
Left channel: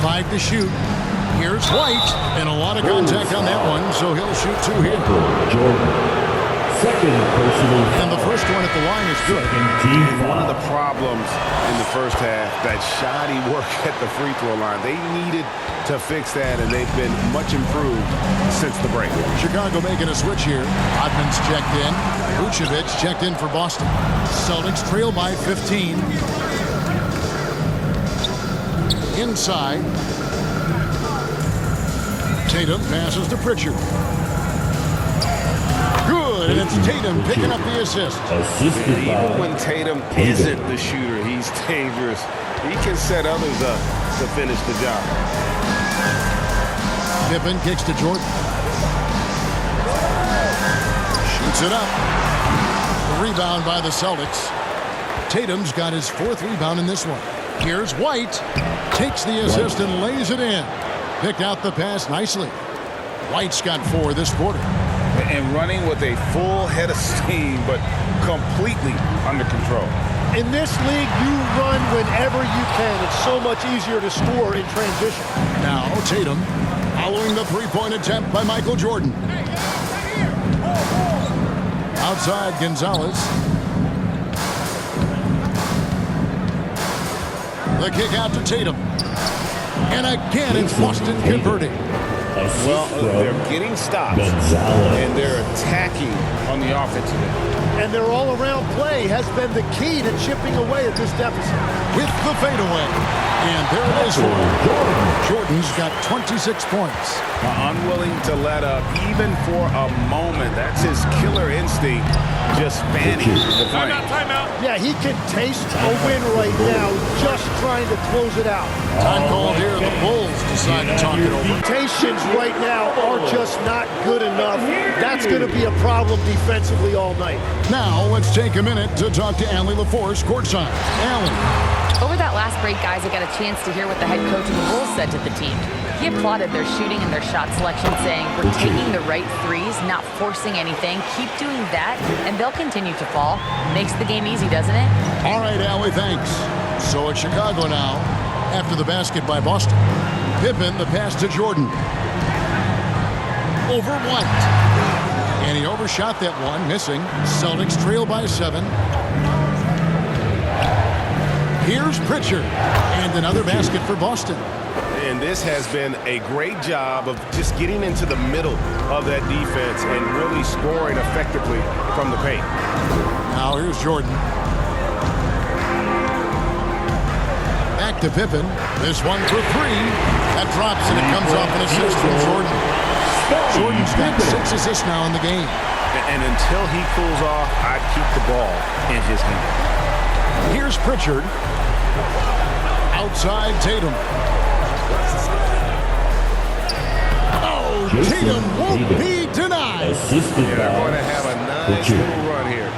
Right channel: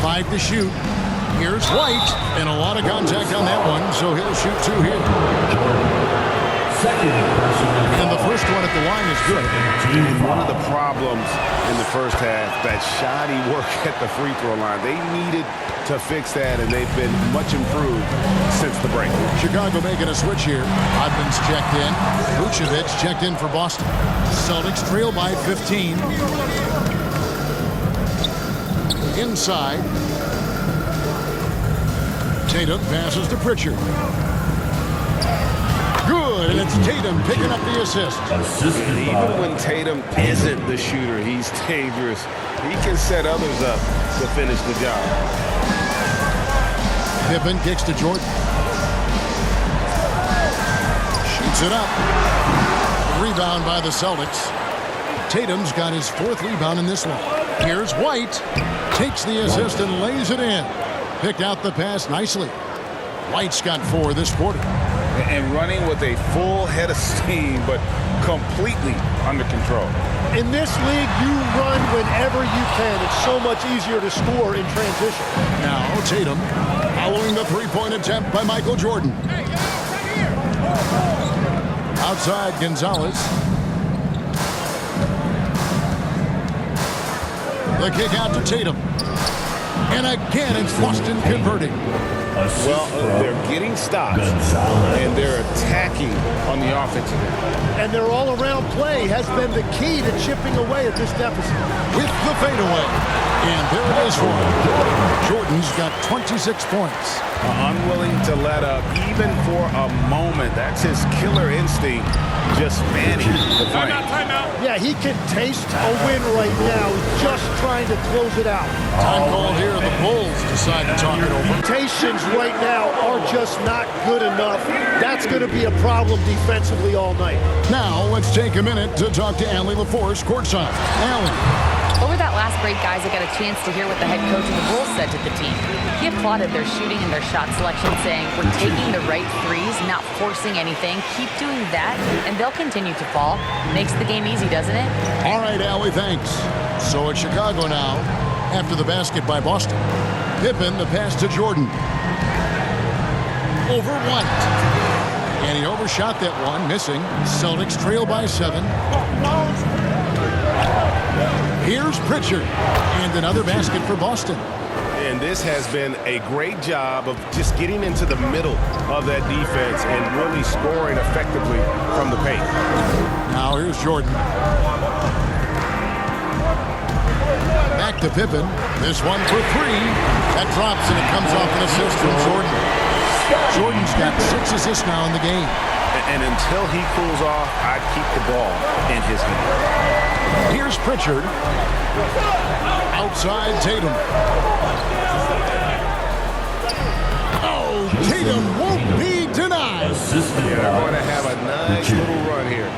5 to shoot. Here's White, and a lot of contact on that one, so he'll shoot 2 here. Second personal foul. And the first one at the line is good. And one of the problems in the first half, that shoddy work at the free throw line. They needed to fix that, and they've been much improved since the break. Chicago making a switch here. Rodman's checked in. Vucevic checked in for Boston. Celtics trail by 15. Inside. Tatum passes to Pritchard. Good, and it's Tatum picking up the assist. And even when Tatum isn't the shooter, he's dangerous. He can set others up to finish the job. Pippen kicks to Jordan. Shoots it up. The rebound by the Celtics. Tatum's got his 4th rebound in this one. Here's White. Takes the assist and lays it in. Picked out the pass nicely. White's got 4 this quarter. And running with a full head of steam, but completely under control. In this league, you run whenever you can. It's so much easier to score in transition. Now Tatum following the 3-point attempt by Michael Jordan. Outside Gonzalez. The kick out to Tatum. And again, it's Boston converting. Well, they're getting stops, and they're attacking on the offensive end. And their all-around play has been the key to chipping away at this deficit. With the fadeaway. And there it is for him. Jordan's got 26 points. Unwilling to let up, even for a moment. That's his killer instinct, just fanning the flame. Timeout. Yeah, he can taste a win right now. He's just trying to close it out. Time called here. The Bulls decide to talk it over. Limitations right now are just not good enough. That's going to be a problem defensively all night. Now, let's take a minute to talk to Allie LaForce courtside. Allie. Over that last break, guys, I got a chance to hear what the head coach of the Bulls said to the team. He applauded their shooting and their shot selection, saying, "We're taking the right threes, not forcing anything. Keep doing that, and they'll continue to fall." Makes the game easy, doesn't it? All right, Allie, thanks. So it's Chicago now, after the basket by Boston. Pippen, the pass to Jordan. Over White. And he overshot that one, missing. Celtics trail by 7. Here's Pritchard. And another basket for Boston. And this has been a great job of just getting into the middle of that defense and really scoring effectively from the paint. Now here's Jordan. Back to Pippen. This one for 3. That drops and it comes off an assist from Jordan. Jordan's got 6 assists now in the game. And until he cools off, I'd keep the ball in his hand. Here's Pritchard. Outside Tatum. Oh, Tatum won't be denied. They're going to have a nice little run here.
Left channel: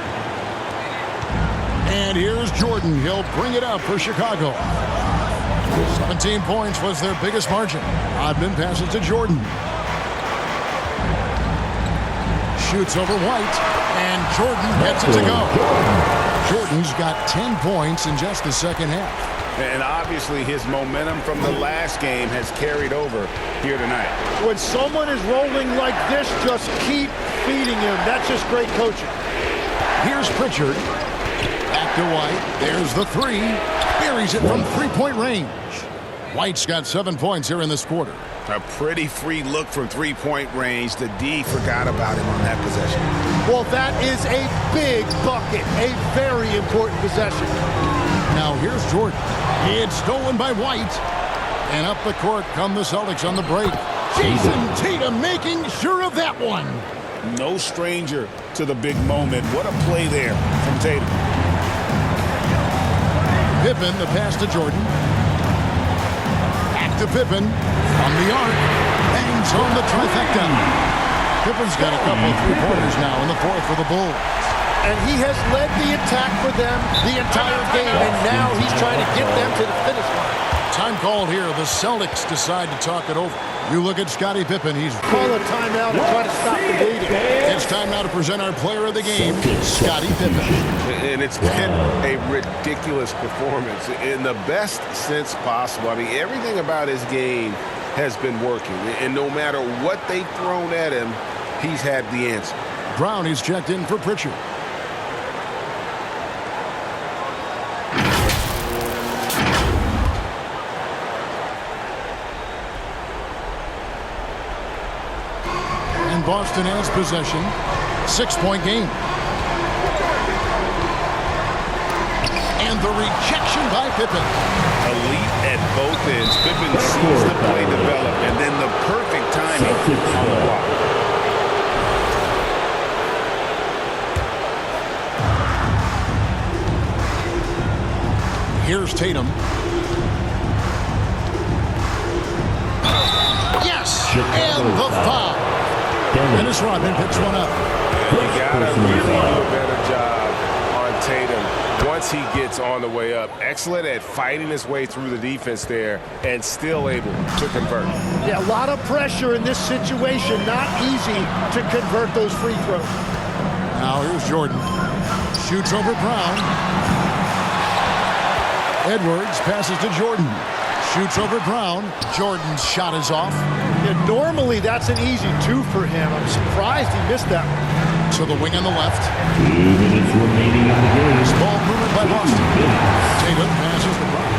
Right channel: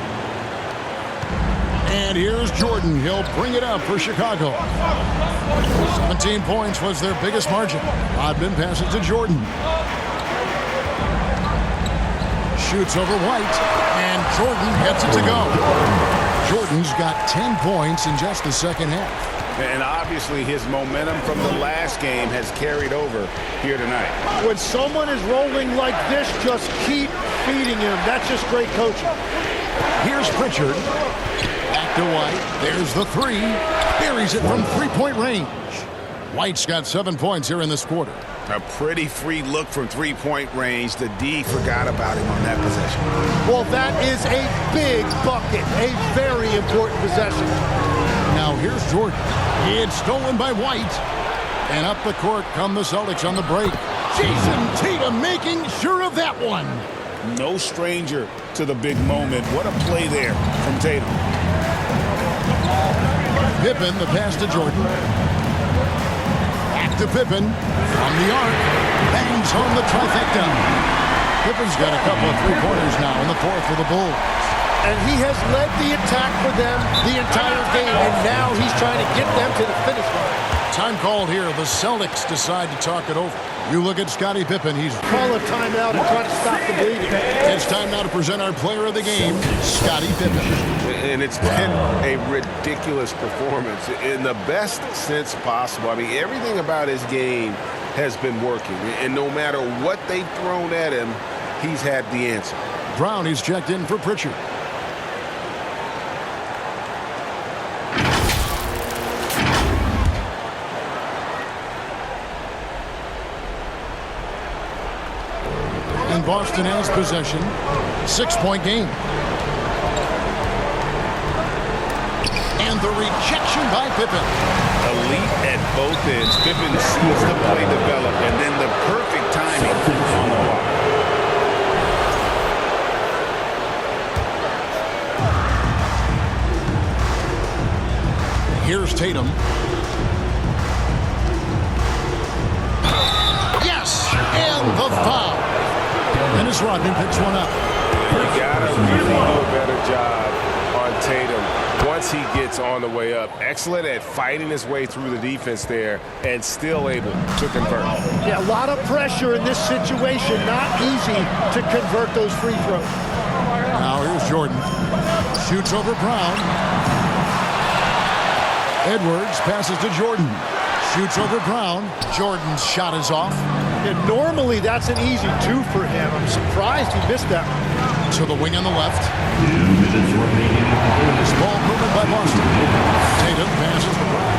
And here's Jordan. He'll bring it up for Chicago. 17 points was their biggest margin. Rodman passes to Jordan. Shoots over White, and Jordan gets it to go. Jordan's got 10 points in just the second half. And obviously his momentum from the last game has carried over here tonight. When someone is rolling like this, just keep feeding him. That's just great coaching. Here's Pritchard. Back to White. There's the 3. Buries it from 3-point range. White's got 7 points here in this quarter. A pretty free look from 3-point range. The D forgot about him on that possession. Well, that is a big bucket. A very important possession. Now here's Jordan. It's stolen by White. And up the court come the Celtics on the break. Jason Tatum making sure of that one. No stranger to the big moment. What a play there from Tatum. Pippen, the pass to Jordan. Back to Pippen. From the arc. Bangs home the trifecta. Pippen's got a couple of three-pointers now in the fourth for the Bulls. And he has led the attack for them the entire game, and now he's trying to get them to the finish line. Time called here. The Celtics decide to talk it over. You look at Scottie Pippen. He's call a timeout and try to stop the bleeding. It's time now to present our player of the game, Scottie Pippen. And it's been a ridiculous performance in the best sense possible. I mean, everything about his game has been working. And no matter what they've thrown at him, he's had the answer. Brown, he's checked in for Pritchard. And Boston has possession. 6-point game. And the rejection by Pippen. Elite at both ends. Pippen sees the play develop, and then the perfect timing on the block. Here's Tatum. Yes! And the foul. Dennis Rodman picks one up. You gotta really do a better job on Tatum once he gets on the way up. Excellent at fighting his way through the defense there and still able to convert. Yeah, a lot of pressure in this situation. Not easy to convert those free throws. Now here's Jordan. Shoots over Brown. Edwards passes to Jordan. Shoots over Brown. Jordan's shot is off. Yeah, normally that's an easy two for him. I'm surprised he missed that one. To the wing on the left. 2 minutes remaining in the game. This ball movement by Boston. Tatum passes to Brown.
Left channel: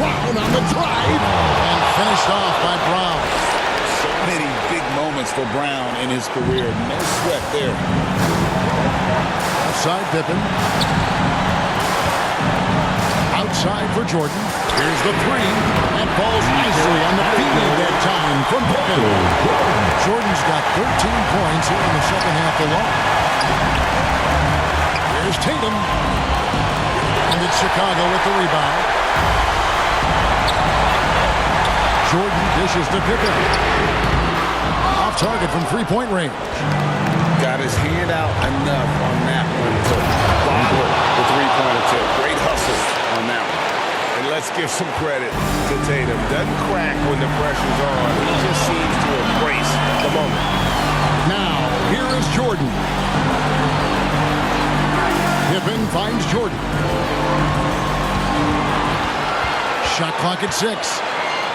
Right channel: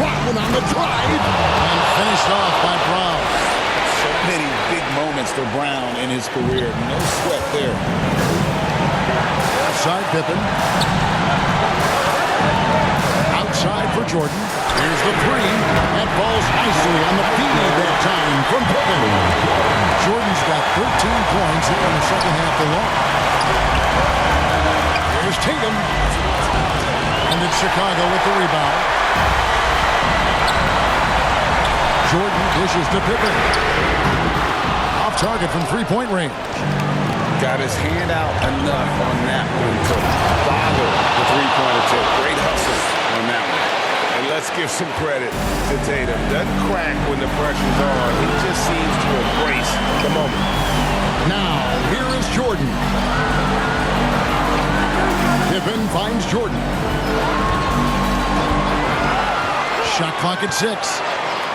Brown on the drive. And finished off by Brown. So many big moments for Brown in his career. No sweat there. Outside Pippen. Outside for Jordan. Here's the three. That falls nicely on the feed that time from Pippen. Jordan's got 13 points here in the second half alone. Here's Tatum. And it's Chicago with the rebound. Jordan dishes to Pippen. Off target from three-point range. Got his hand out enough on that one to boggle the three-point attempt. Great hustle on that one. And let's give some credit to Tatum. Doesn't crack when the pressure's on. He just seems to embrace the moment. Now, here is Jordan. Pippen finds Jordan. Shot clock at 6.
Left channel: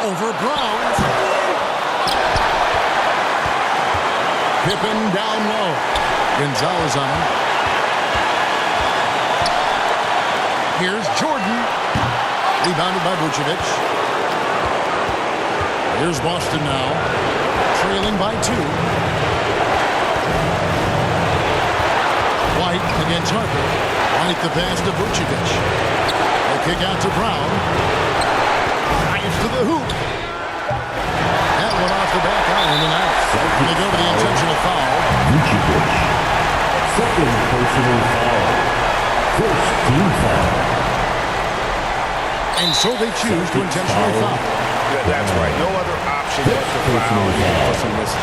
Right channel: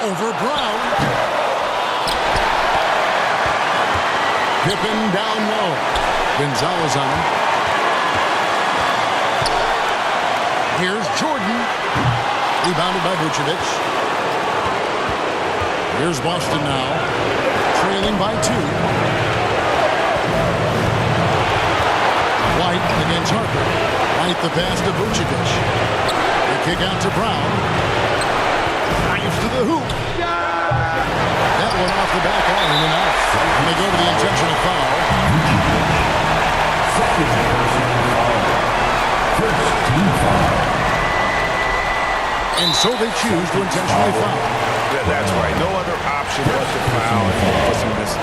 Over Brown. Pippen down low. Gonzalez on him. Here's Jordan. Rebounded by Vucevic. Here's Boston now. Trailing by 2. White against Harper. White the pass to Vucevic. The kick out to Brown. Drives to the hoop. That one off the back iron and out. And they go to the intentional foul. Vucevic. Second personal foul. First team foul. And so they choose to intentionally foul. That's right. No other option but to foul for some misses.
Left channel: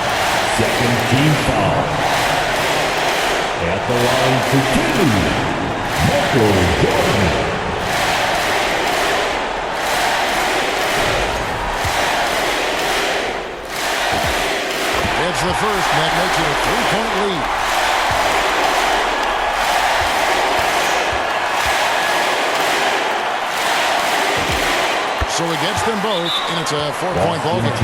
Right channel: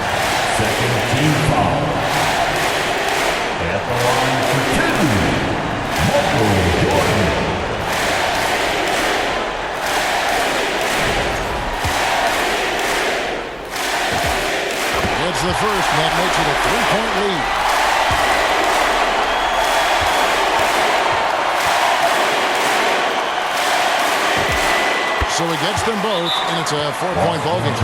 Second team foul. At the line for 2, Michaeljordan. It's the first, and that makes it a 3-point lead. So he gets them both, and it's a 4-point ballgame.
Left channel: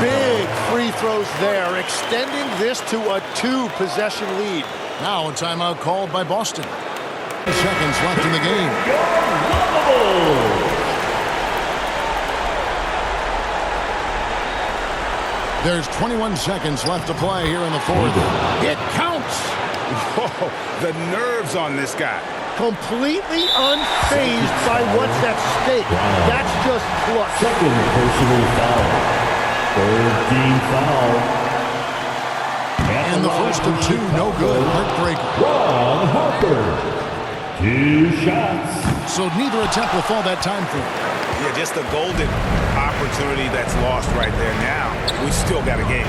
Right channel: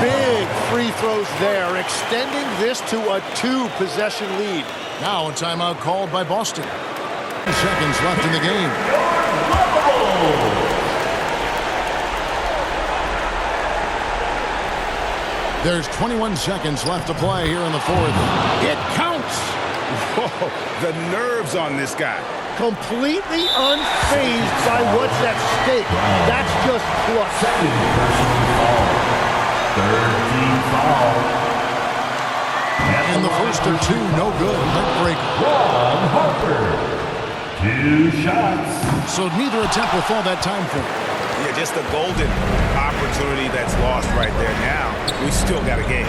Big free throws there, extending this to a 2-possession lead. Now a timeout called by Boston. 2 seconds left in the game. There's 21 seconds left to play here in the fourth. It counts! Whoa, the nerves on this guy. Completely unfazed by what's at stake. That's just clutch. Second personal foul. Third team foul. And the first of 2, no good. Heartbreaker. Ron Harper. 2 shots. So neither attempt will fall that time frame. Yeah, just a golden opportunity that's lost right there. Now, we still got a game.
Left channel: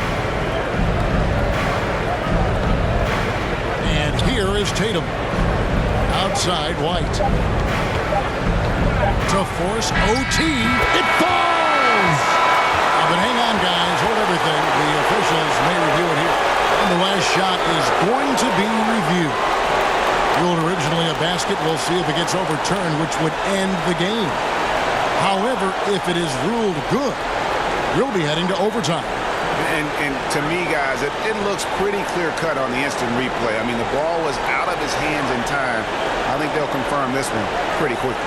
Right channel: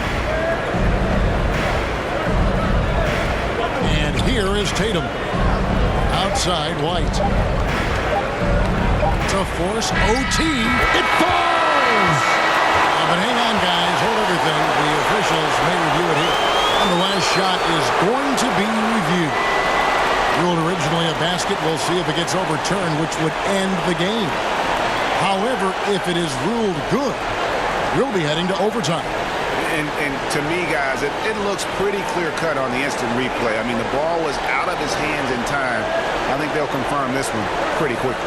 And here is Tatum. Outside, White. To force OT. It falls! But hang on, guys. Hold everything. The officials may review it here. And the last shot is going to be reviewed. Ruled originally a basket. We'll see if it gets overturned, which would end the game. However, if it is ruled good, we'll be heading to overtime. And to me, guys, it looks pretty clear-cut on the instant replay. I mean, the ball was out of his hands in time. I think they'll confirm this one pretty quickly.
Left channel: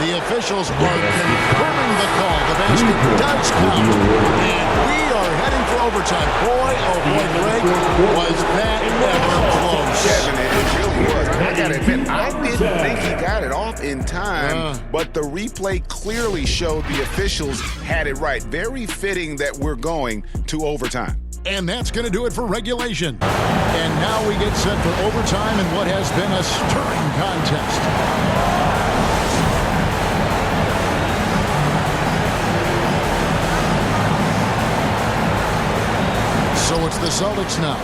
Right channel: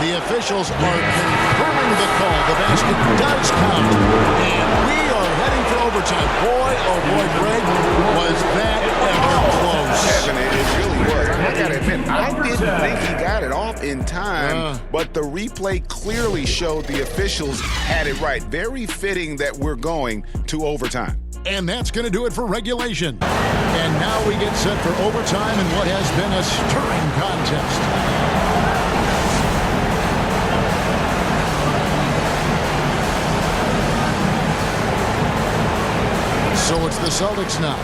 The officials are confirming the call. The basket does count. And we are heading for overtime. Boy, oh boy, Greg, was that ever close. Kevin, it really was. I got to admit, I didn't think he got it off in time, but the replay clearly showed the officials had it right. Very fitting that we're going to overtime. And that's going to do it for regulation. And now we get set for overtime in what has been a stirring contest. So it's the Celtics now.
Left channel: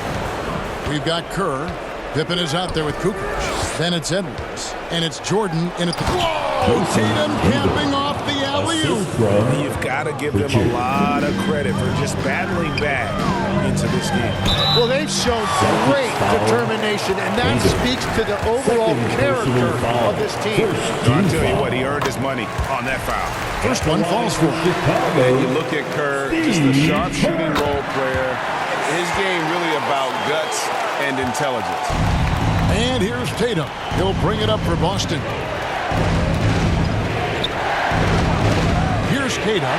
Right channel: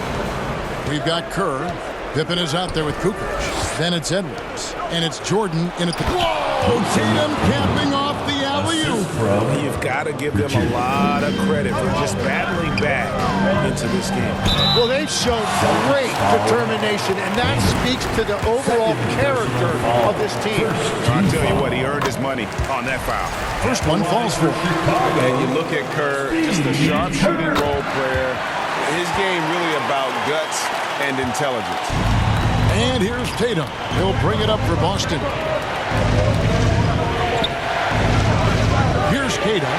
We've got Kerr. Pippen is out there with Kukoc. Then it's Edwards. And it's Jordan in at the... Whoa! Tatum capping off the alley-oop. You've got to give them a lot of credit for just battling back into this game. Well, they've shown great determination, and that speaks to the overall character of this team. I'll tell you what, he earned his money on that foul. First one falls for him. And you look at Kerr, just a sharp-shooting role player. His game really about guts and intelligence. And here's Tatum. He'll bring it up for Boston. Here's Kata.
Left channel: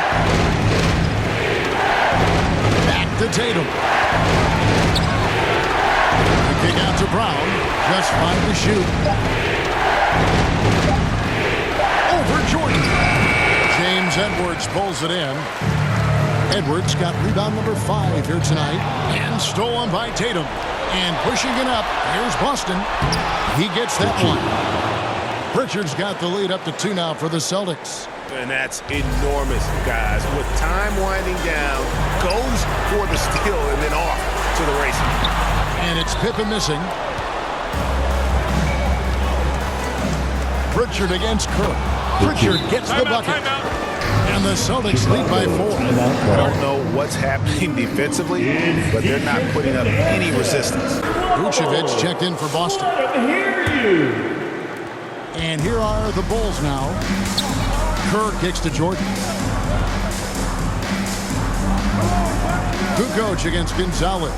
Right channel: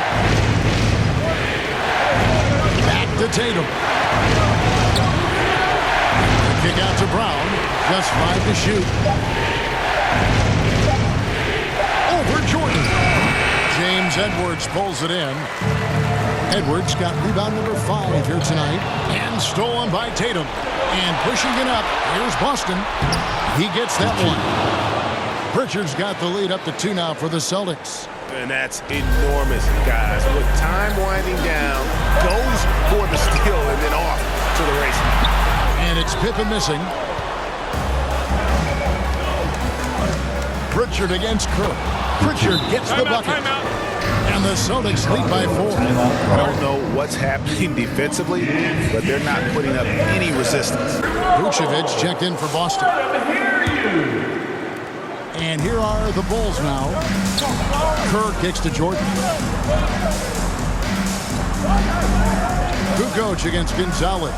Back to Tatum. The kick out to Brown. Just 5 to shoot. Over Jordan. James Edwards pulls it in. Edwards got rebound number 5 here tonight. And stolen by Tatum. And pushing it up, here's Boston. He gets that one. Pritchard's got the lead up to 2 now for the Celtics. And that's enormous, guys. With time winding down, goes for the steal and then off to the races. And it's Pippen missing. Pritchard against Kerr. Pritchard gets the bucket. And the Celtics lead by 4. I don't know what's happening defensively, but they're not putting up any resistance. Vucevic checked in for Boston. And here are the Bulls now. Kerr kicks to Jordan. Kukoc against Gonzalez.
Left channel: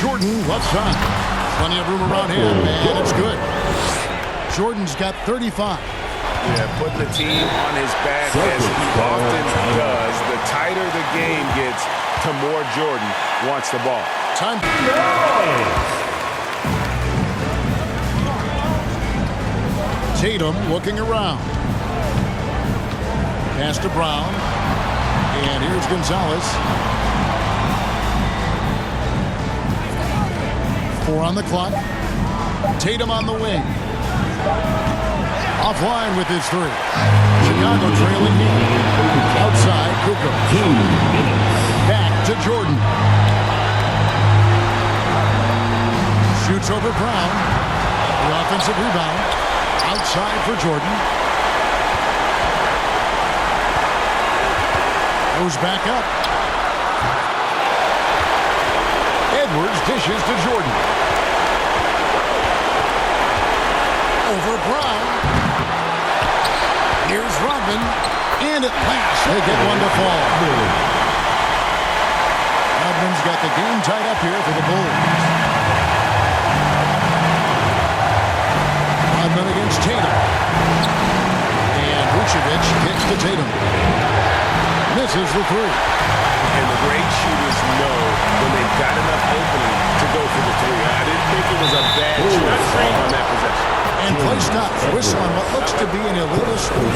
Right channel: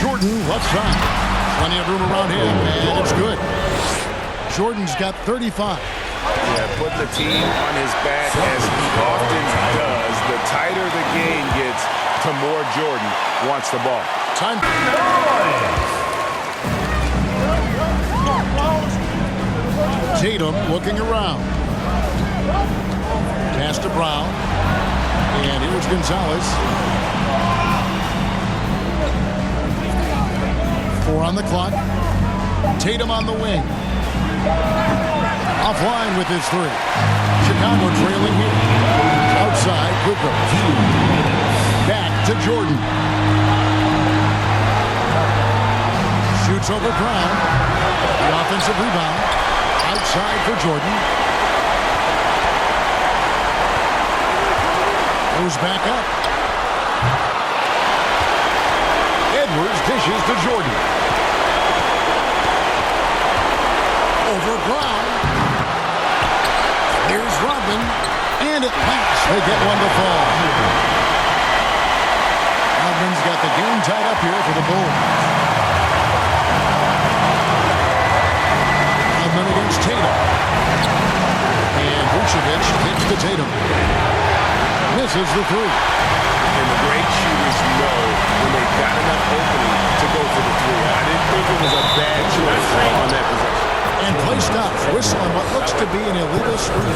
Jordan left side. Plenty of room around him, and it's good. Jordan's got 35. Yeah, putting the team on his back as he often does. The tighter the game gets, the more Jordan wants the ball. Time. Tatum looking around. Pass to Brown. And here's Gonzalez. 4 on the clock. Tatum on the wing. Offline with his 3. Chicago trailing here. Outside, Kukoc. Back to Jordan. Shoots over Brown. The offensive rebound. Outside for Jordan. Goes back up. Edwards dishes to Jordan. Over Brown. Here's Rodman. And at last, they get one to fall. Rodman's got the game tied up here for the Bulls. Rodman against Tatum. And Vucevic kicks to Tatum. Misses the 3. And the great shooters know when they've got enough opening to go for the three. I didn't think it was a bad choice on that possession. And play stops. Whistle on what looks to be an illegal screen.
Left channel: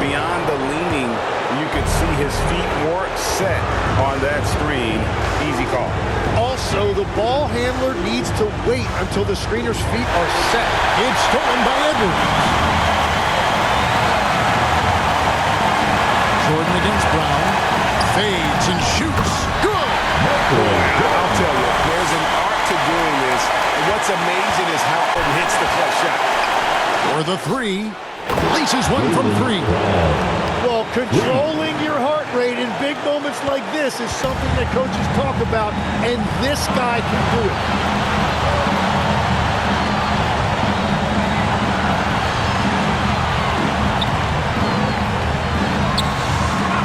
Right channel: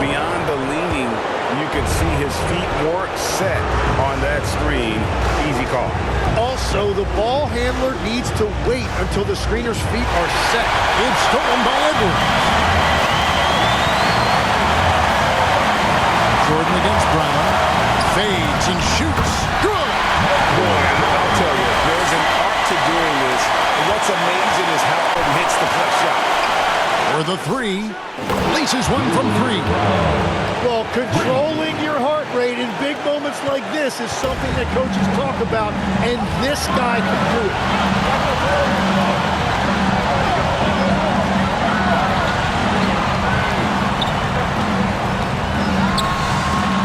Beyond the leaning, you could see his feet more set on that screen. Easy call. Also, the ball handler needs to wait until the screener's feet are set. It's stolen by Edwards. Jordan against Brown. Fades and shoots. Good. Boy, I'll tell you, there's an art to doing this. What's amazing is how it hits the clutch shot. For the three. Laces one from three. Well, controlling your heart rate in big moments like this is something that coaches talk about, and this guy can do it.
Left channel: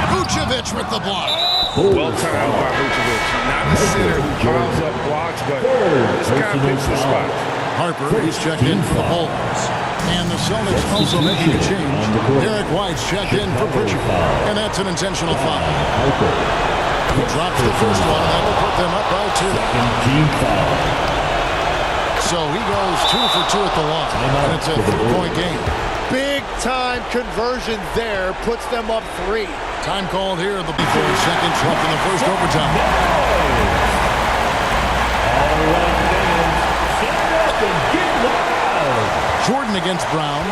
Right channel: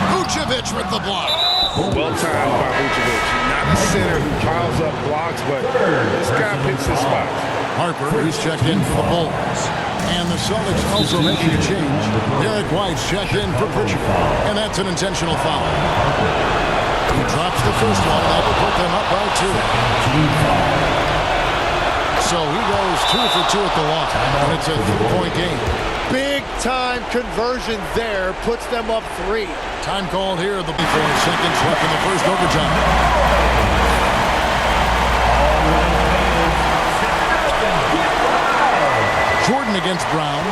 Vucevic with the block. Well timed by Vucevic. Not a center who piles up blocks, but this guy picks his spots. Harper, he's checked in for the Bulls. And the Celtics also making a change. Derek White's checked in for Pritchard. And that's an intentional foul. He drops the first one, and that will put them up by 2. So he goes 2 for 2 at the line. And it's a 3-point game. Big-time conversion there puts them up 3. Time called here. The 4 seconds left in the first overtime. All right, fans, stand up and get loud. Jordan against Brown.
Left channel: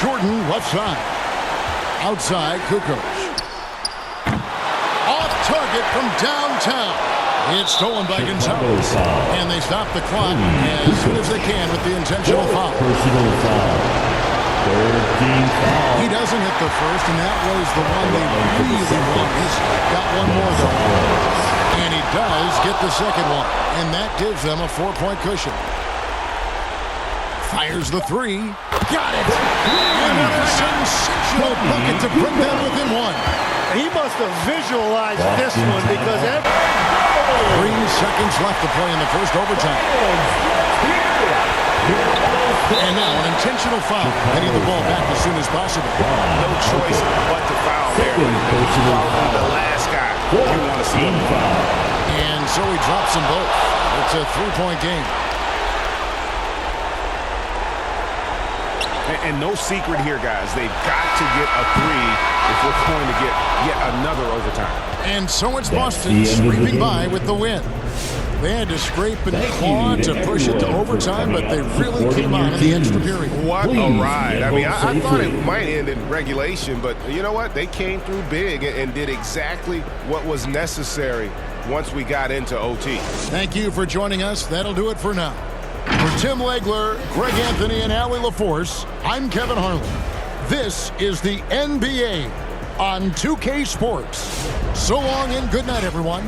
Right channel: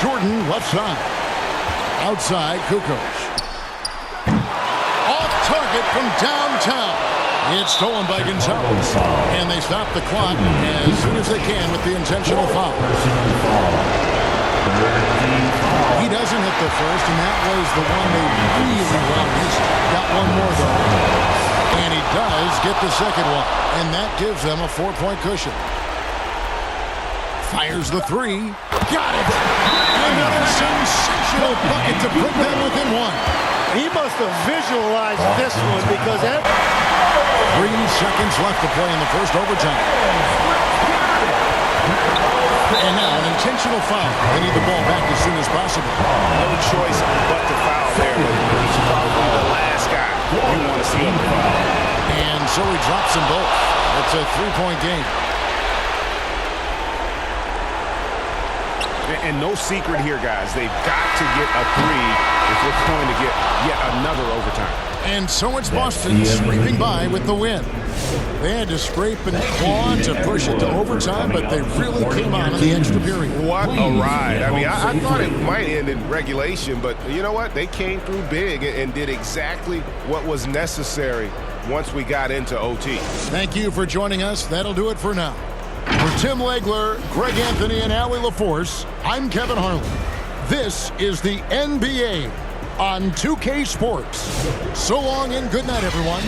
Jordan left side. Outside, Kukoc. Off target from downtown. It's stolen by Gonzalez. And they stop the clock as soon as they can with the intentional foul. Personal foul. He doesn't hit the first, and that was the one they really wanted. He's got one more, though. And he does get the second one, and that gives them a 4-point cushion. Fires the 3. Got it! And what a sensational bucket to bring them within 1. He must have visualized this one because 3 seconds left to play in the first overtime. And now an intentional foul. They need the ball back as soon as possible. No choice but to foul there, but he's probably the last guy you want to see on the foul. And so he drops them both. It's a 3-point game. And no secret here, guys. They've got to get a 3 if we're going to get yet another overtime. And so it's Boston scraping by with the win. They had to scrape and claw to push it to overtime, but they really came on in the extra period. What a ride. I mean, I thought it might end in regulation, but you know what? They came through big and did exactly what was necessary once we got into OT. Thank you for joining us. That'll do it for now. For Tim Legler, Greg Anthony, and Allie LaForce, I'm Kevin Harlan. This is the NBA on 2K Sports. So long and good night, everyone.